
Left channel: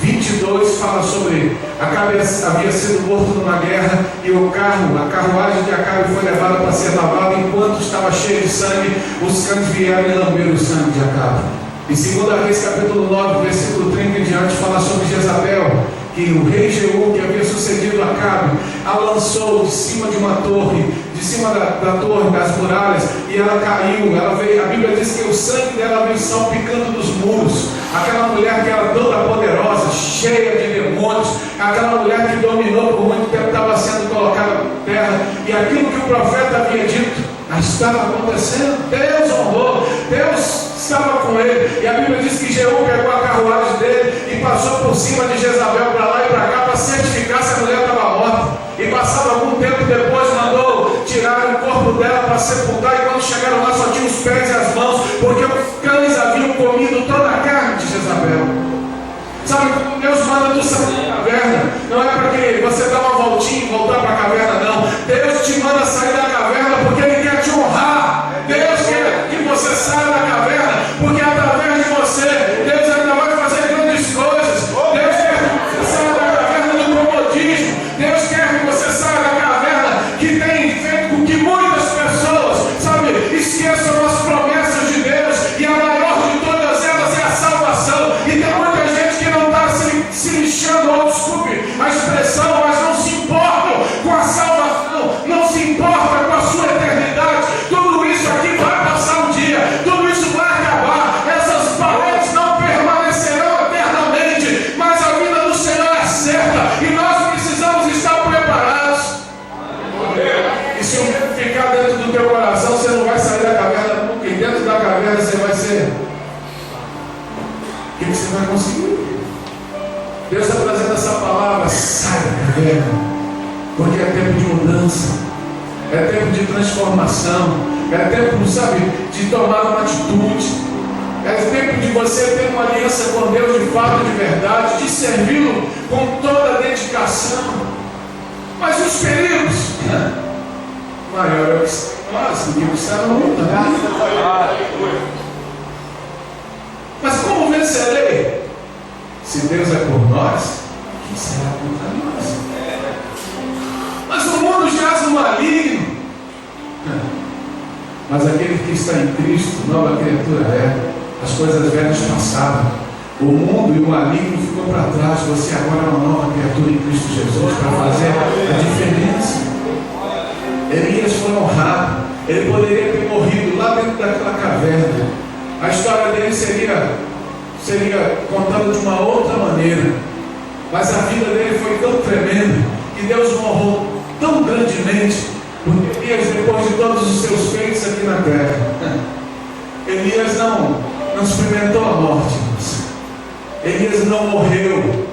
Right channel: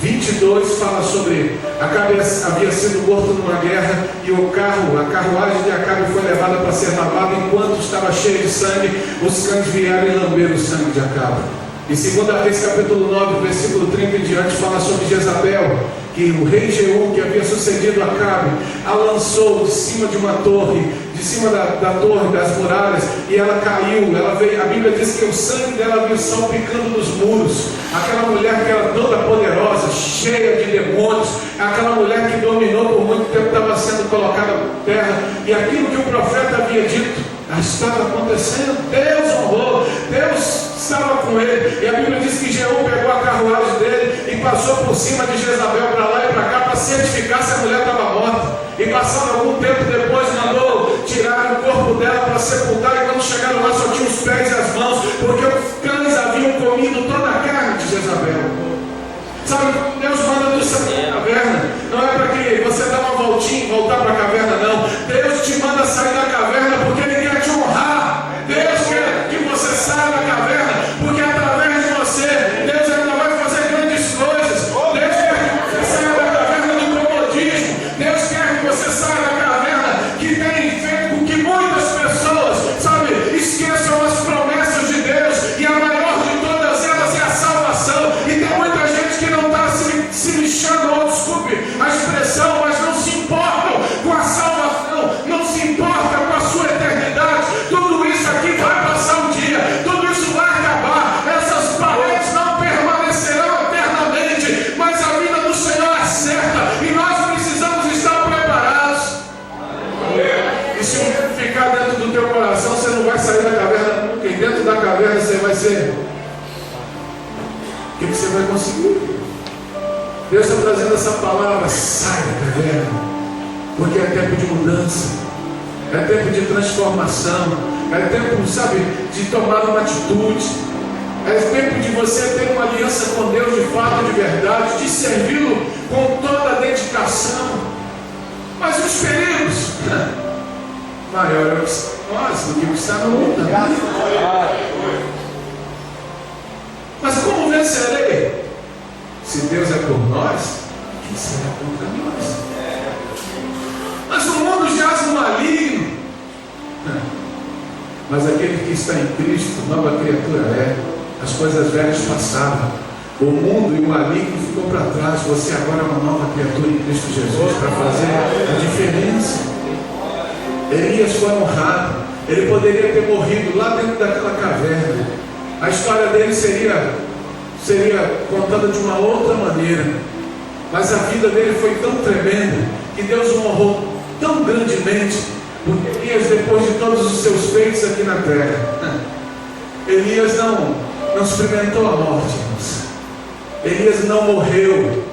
22 fala sobre Acabe havia sido morto numa guerra, e a carruagem de Acabe foi levada para ser lavada. Enquanto estava cheio de sangue, os cães vieram e lamberam o sangue de Acabe. Em 2 Reis capítulo 9, versículo 30 em diante, fala sobre Jezabel, que o rei Jeú, que havia sucedido Acabe, a lançou de cima de uma torre, de cima da torre, das muralhas, e ela caiu. A Bíblia diz que o sangue dela veio salpicando nos muros. Aquela mulher que era toda poderosa, cheia de demônios, aquela mulher que dominou por muito tempo, estava sendo colocada por terra, e aquilo que o profeta havia dito estava acontecendo. Deus honrou, Deus estava com ele. E a Bíblia diz que Jeú pegou a carruagem dele e passou por cima de Jezabel para lá e para cá para certificar se a mulher estava morta. E passado algum tempo depois mandou tirar o corpo dela para sepultar, e quando chegaram lá só tinha os pés e as mãos, porque os cães haviam comido toda a carne de Jezabel. Sabe, Deus manda tu sair da caverna, não é para que você dê uma voltinha e voltar para a caverna, não. Deus te manda sair da caverna porque Ele quer te honrar. Deus quer que você saia da caverna, porque através de você, Deus ainda vai fazer grandes coisas. Deus quer que você saia da caverna do comodismo. Deus quer que você saia da caverna que tem feito com que muitas pessoas, sabe, esqueçam as promessas de Deus, e a maior de todas elas é a salvação. E tem muita gente que não está se lixando, ou desculpe a expressão, mas não se importam com a salvação, não se importa com a sua eternidade. Tudo isso aqui vai passar um dia, tudo isso vai acabar, essas paredes não permanecerão eternamente, mas a vida do Senhor é certa, e nós precisamos estar preparados. E se ficar dentro do teu coração, você não vai sair da caverna nunca, e dentro da caverna você vai ser... O que você vai conseguir? Deus está trazendo essa palavra: sai da caverna, porque é tempo de mudança, é tempo de transformação, é tempo, sabe, de tomar uma atitude, é tempo de você ter uma aliança com Deus de fato, de verdade, de servi-lo com toda a dedicação. Mas os perigos, maior é o que está em nós do que o que está no mundo. Mas como vencerei? Se Deus é por nós, quem será contra nós? Mas o mundo jaz no maligno. Mas aquele que está em Cristo, nova criatura é. As coisas velhas passaram. O mundo e o maligno ficou para trás. Você agora é uma nova criatura em Cristo Jesus, para fazer a diferença. Elias foi honrado. Ele poderia ter morrido lá dentro daquela caverna. A história dele seria contada de uma outra maneira, mas a vida dele foi tão tremenda que Deus o honrou tão grandemente, porque Elias, depois de todos os seus feitos aqui na terra, Elias não não experimentou a morte, irmãos. Elias não morreu.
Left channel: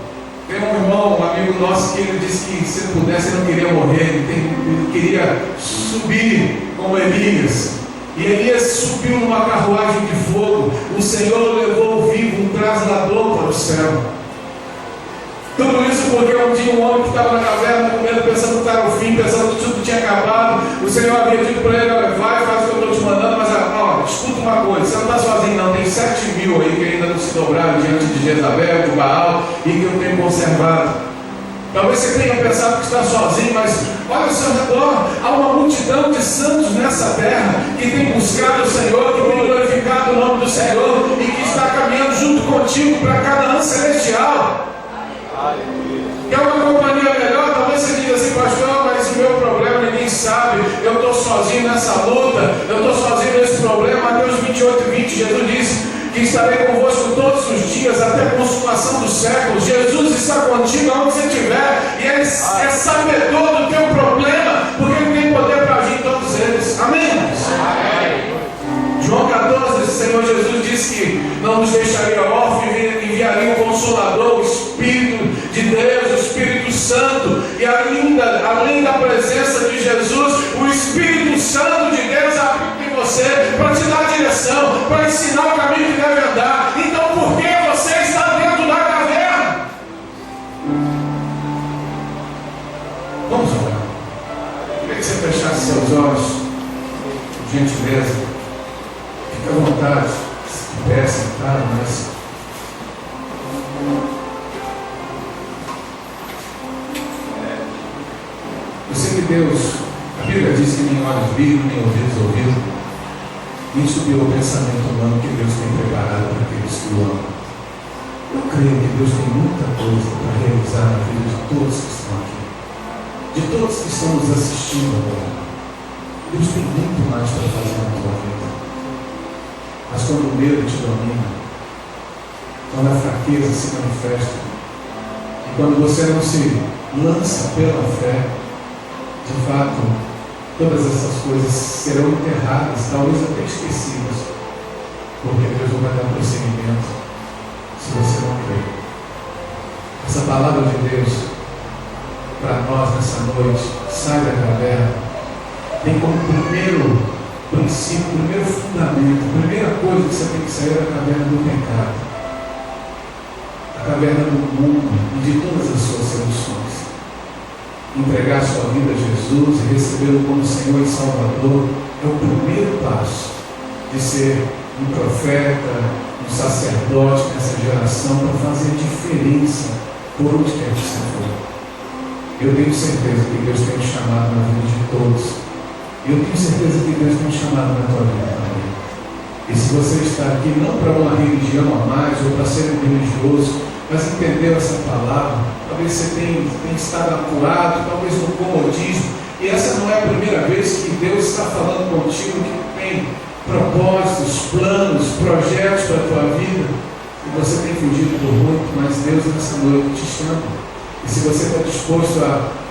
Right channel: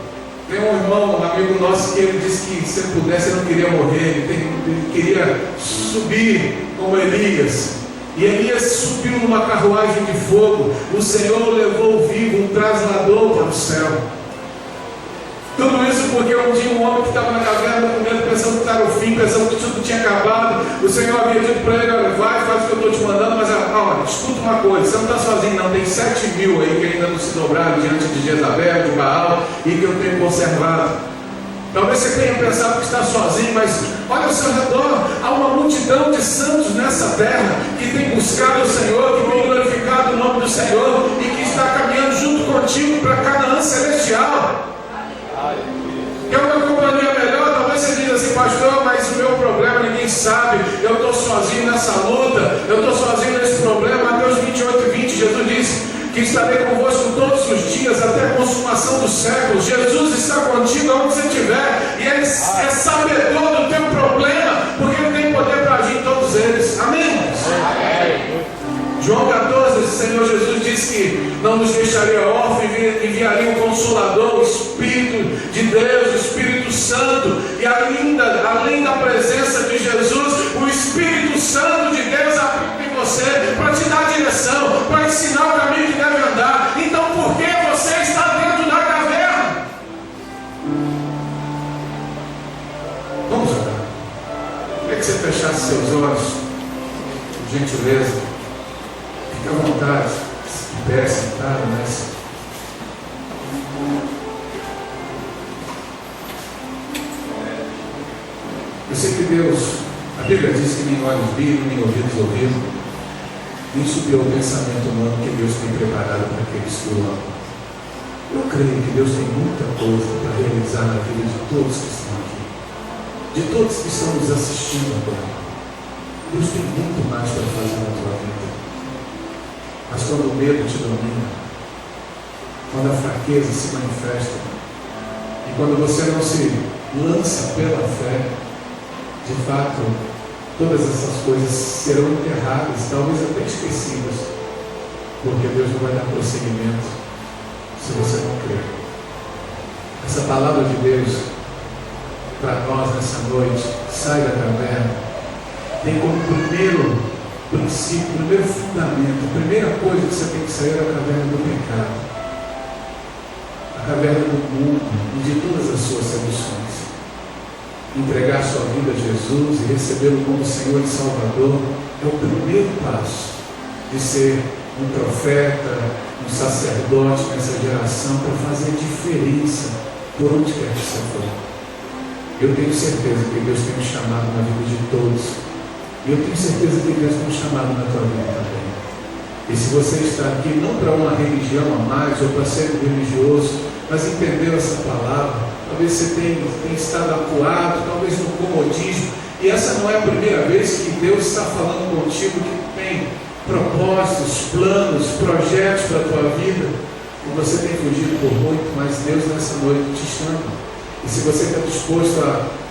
Tem um irmão, um amigo nosso, que ele disse que se ele pudesse ele não queria morrer, ele queria subir como Elias. E Elias subiu numa carruagem de fogo. O Senhor o levou vivo, um traslador para o céu. Tudo isso porque um dia um homem que estava na caverna com medo, pensando que estava o fim, pensando que tudo tinha acabado. O Senhor havia dito para ele: olha, vai, faz o que eu estou te mandando, mas olha, escuta uma coisa, você não está sozinho não, tem 7.000 aí que ainda não se dobraram diante de Jezabel, de Baal, e que eu tenho conservado. Talvez você tenha pensado que está sozinho, mas olha ao seu redor, há uma multidão de santos nessa terra que tem buscado o Senhor, que tem glorificado o nome do Senhor e que está caminhando junto contigo para Canaã celestial. Quer uma companhia melhor? Talvez você diga assim: pastor, mas o meu problema ninguém sabe, eu estou sozinho nessa luta, eu estou sozinho nesse problema. Mateus 28:20, Jesus disse que estarei convosco todos os dias até a consumação dos séculos. Jesus está contigo onde você estiver, e Ele é sabedor do teu problema, porque Ele tem poder para agir em todos eles. Amém? Amém. João 14, o Senhor Jesus disse que não nos deixaria órfãos, enviaria um Consolador, o Espírito de Deus, o Espírito Santo, e além da presença de Jesus, o Espírito Santo de Deus habita em você para te dar direção, para ensinar o caminho que deve andar. Então por que você está dentro da caverna? Vamos orar. Eu queria que você fechasse seus olhos, por gentileza. Fique à vontade, se puder sentar, mas eu sei que Deus, a Bíblia diz que nem olhos viram, nem ouvidos ouviram. Isso é o pensamento humano que Deus tem preparado para aqueles que o amam. Eu creio que Deus tem muita coisa para realizar na vida de todos que estão aqui, de todos que estão nos assistindo agora. Deus tem muito mais para fazer na tua vida. Mas quando o medo te domina, quando a fraqueza se manifesta, e quando você não se lança pela fé, de fato, todas essas coisas serão enterradas, talvez até esquecidas, porque Deus não vai dar prosseguimento se você não crer. Essa palavra de Deus para nós nessa noite: sai da caverna, tem como primeiro princípio, primeiro fundamento, a primeira coisa que você tem que sair da caverna do pecado, a caverna do mundo e de todas as suas seduções. Entregar sua vida a Jesus e recebê-lo como Senhor e Salvador é o primeiro passo de ser um profeta, um sacerdote nessa geração, para fazer diferença por onde quer que você for. Eu tenho certeza que Deus tem me chamado na vida de todos. Eu tenho certeza que Deus tem me chamado na tua vida também. E se você está aqui não para uma religião a mais ou para ser um religioso, mas entender essa palavra, talvez você tenha estado acuado, talvez no comodismo, e essa não é a primeira vez que Deus está falando contigo, que tem propósitos, planos, projetos para a tua vida, e você tem fugido por muito, mas Deus nessa noite te chama. E se você está disposto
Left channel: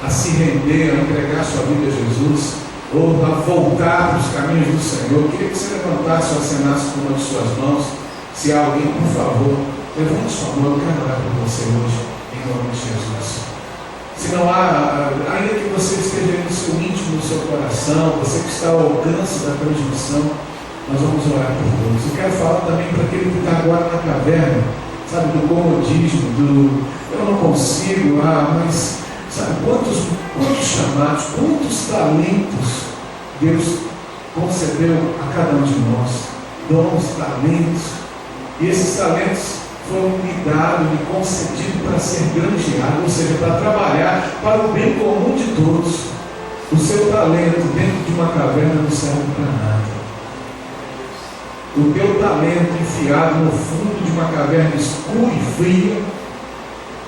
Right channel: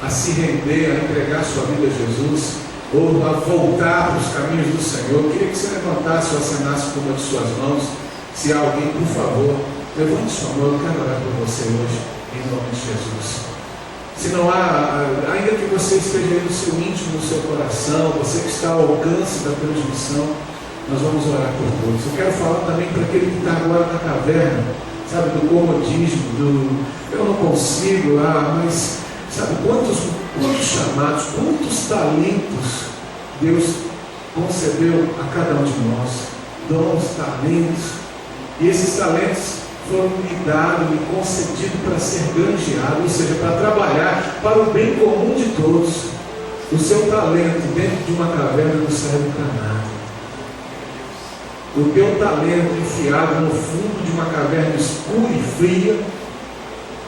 a se render, a entregar sua vida a Jesus, ou a voltar para os caminhos do Senhor, eu queria que você levantasse ou acenasse com uma de suas mãos. Se há alguém, por favor, levante sua mão. Eu quero orar por você hoje, em nome de Jesus. Se não há, ainda que você esteja no seu íntimo, no seu coração, você que está ao alcance da transmissão, nós vamos orar por todos. Eu quero falar também para aquele que está agora na caverna, sabe, do comodismo, eu não consigo, mas sabe, quantos chamados, quantos talentos Deus concedeu a cada um de nós, dons, talentos, e esses talentos foram me dados, me concedidos para ser granjeado, ou seja, para trabalhar para o bem comum de todos. O seu talento dentro de uma caverna não serve para nada. O teu talento enfiado no fundo de uma caverna escura e fria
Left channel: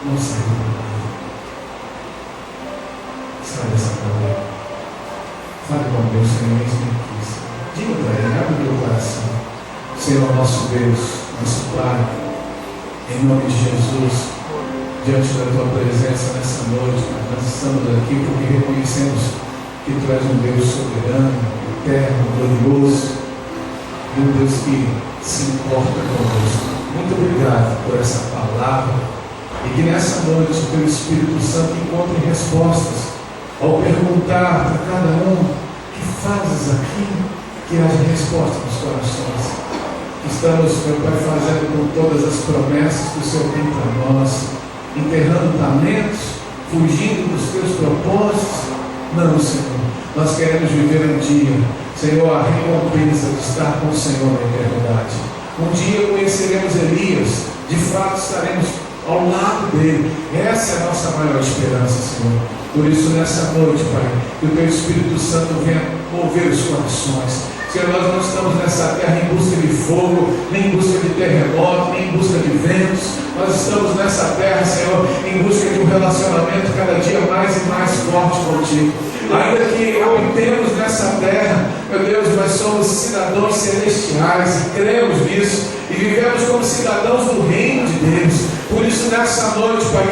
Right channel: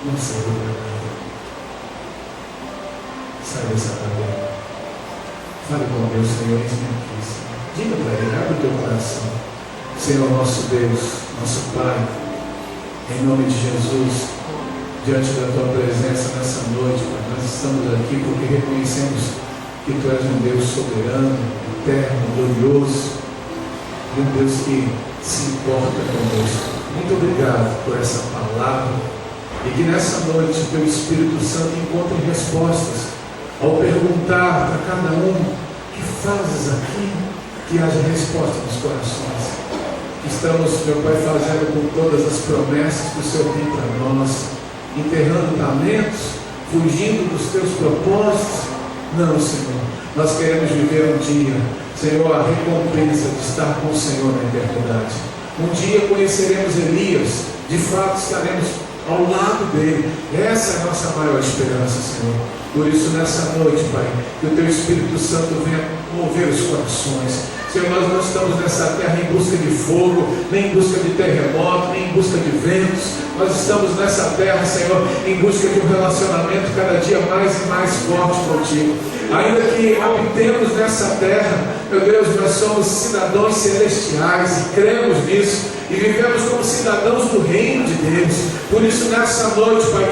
não serve para nada. Sai dessa caverna. Fale com Deus, Senhor, eis-me aqui. Diga para Ele, abre o teu coração. Senhor, nosso Deus, nosso Pai, em nome de Jesus, diante da tua presença nessa noite, Pai, nós estamos aqui porque reconhecemos que tu és um Deus soberano, eterno, glorioso, e um Deus que se importa conosco. Muito obrigado por essa palavra, e que nessa noite o teu Espírito Santo encontre respostas ao perguntar para cada um: que fazes aqui? Que haja resposta nos corações. Estamos, meu Pai, fazendo com todas as promessas que o Senhor tem para nós, enterrando talentos, fugindo dos teus propósitos. Não, Senhor, nós queremos viver um dia, Senhor, a recompensa de estar com o Senhor na eternidade. Um dia conheceremos Elias, de fato estaremos ao lado dele. Essa é a nossa maior esperança, Senhor. Por isso, nessa noite, Pai, que o teu Espírito Santo venha mover os corações. Senhor, nós não estamos nessa terra em busca de fogo, nem em busca de terremoto, nem em busca de ventos. Nós estamos nessa terra, Senhor, em busca de um relacionamento cada dia mais e mais forte contigo. Ainda que habitemos nessa terra, meu Deus, nós somos cidadãos celestiais e cremos nisso e vivemos como cidadãos do reino de Deus. Por isso, nessa noite, Pai,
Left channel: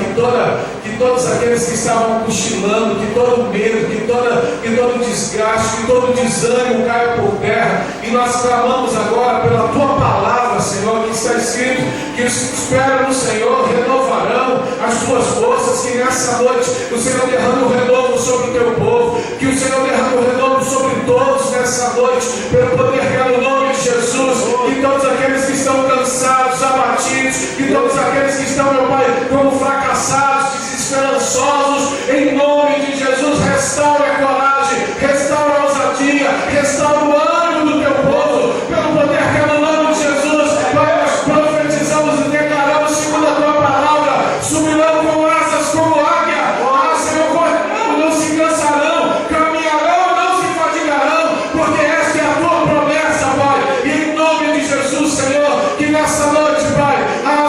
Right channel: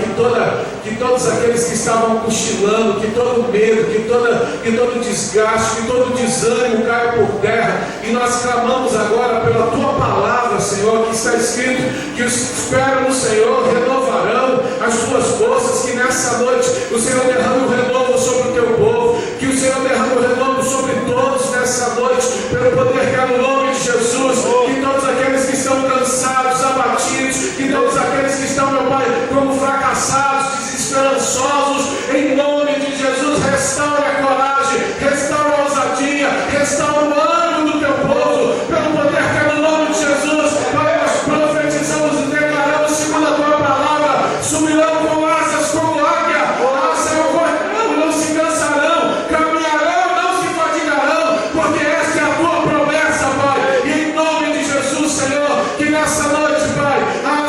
que todos aqueles que estavam cochilando, que todo medo, que todo desgaste, que todo desânimo caia por terra, e nós clamamos agora pela tua palavra, Senhor, que está escrito que os que esperam no Senhor renovarão as suas forças. Que nessa noite o Senhor derrame o renovo sobre o teu povo, que o Senhor derrame o renovo sobre todos nessa noite, pelo poder que é no nome de Jesus. Que todos aqueles que estão cansados, abatidos, que todos aqueles que estão, meu Pai, como fracassados, desesperançosos, em nome de Jesus, restaure a coragem, restaure a ousadia, restaure o ânimo do teu povo, pelo poder que é no nome de Jesus. Pai, nós profetizamos e declaramos segundo a tua palavra: subirão com asas como águia, Senhor, correrão, não se cansarão, caminharão, não se fadigarão, porque esta é a tua promessa, Pai. E em nome de Jesus, Senhor, que nessa noite, Pai,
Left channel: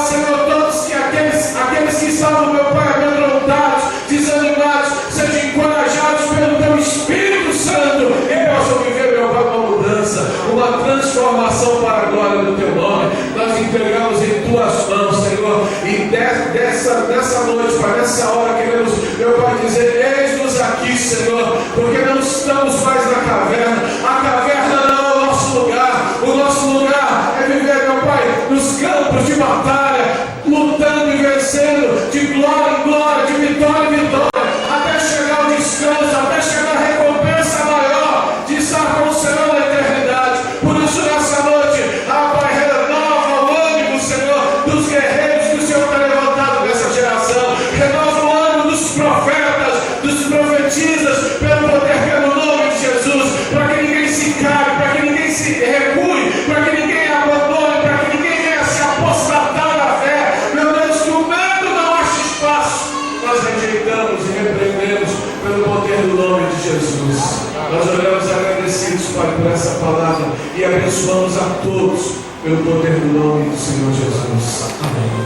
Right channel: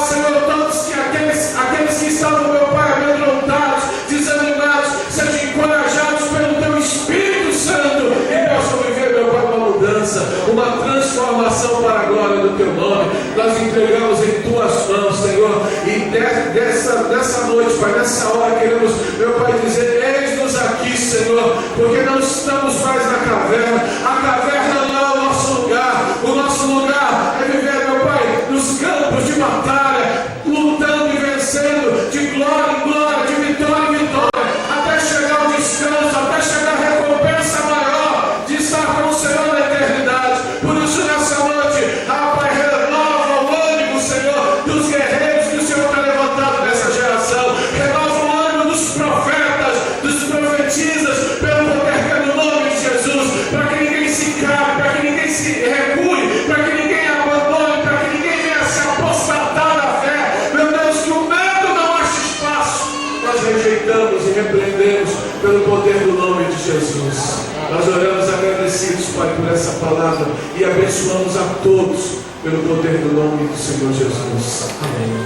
Senhor, todos aqueles que estavam, meu Pai, amedrontados, desanimados, sejam encorajados pelo teu Espírito Santo e possam viver, meu Pai, uma mudança, uma transformação para a glória do teu nome. Nós entregamos em tuas mãos, Senhor, e nessa noite, Pai, nessa hora queremos, meu Pai, dizer: eis-nos aqui, Senhor, porque não estamos mais na caverna. A caverna não é o nosso lugar. O nosso lugar é viver, meu Pai, nos campos de batalha, lutando e vencendo, de glória em glória, de vitória em vitória, até chegar ao descanso, até chegar à recompensa maior de estar com o Senhor na eternidade. Por isso, nessa noite, Pai, renova o ânimo, Senhor, dos guerreiros que o Senhor tem levantado nessa geração. Renova o ânimo dos profetas, dos profetisas, pelo poder que é no nome de Jesus, para que ninguém se cabe, para que ninguém se recue, para que ninguém abandone, para que ninguém venha se apostatar da fé. Meu Deus, que o medo não ache espaço. Nós rejeitamos e repreendemos pelo poder do nome de Jesus. Nós oramos agradecidos, Pai, por essa palavra e abençoamos a todos pelo poder do nome do Senhor Jesus. Amém.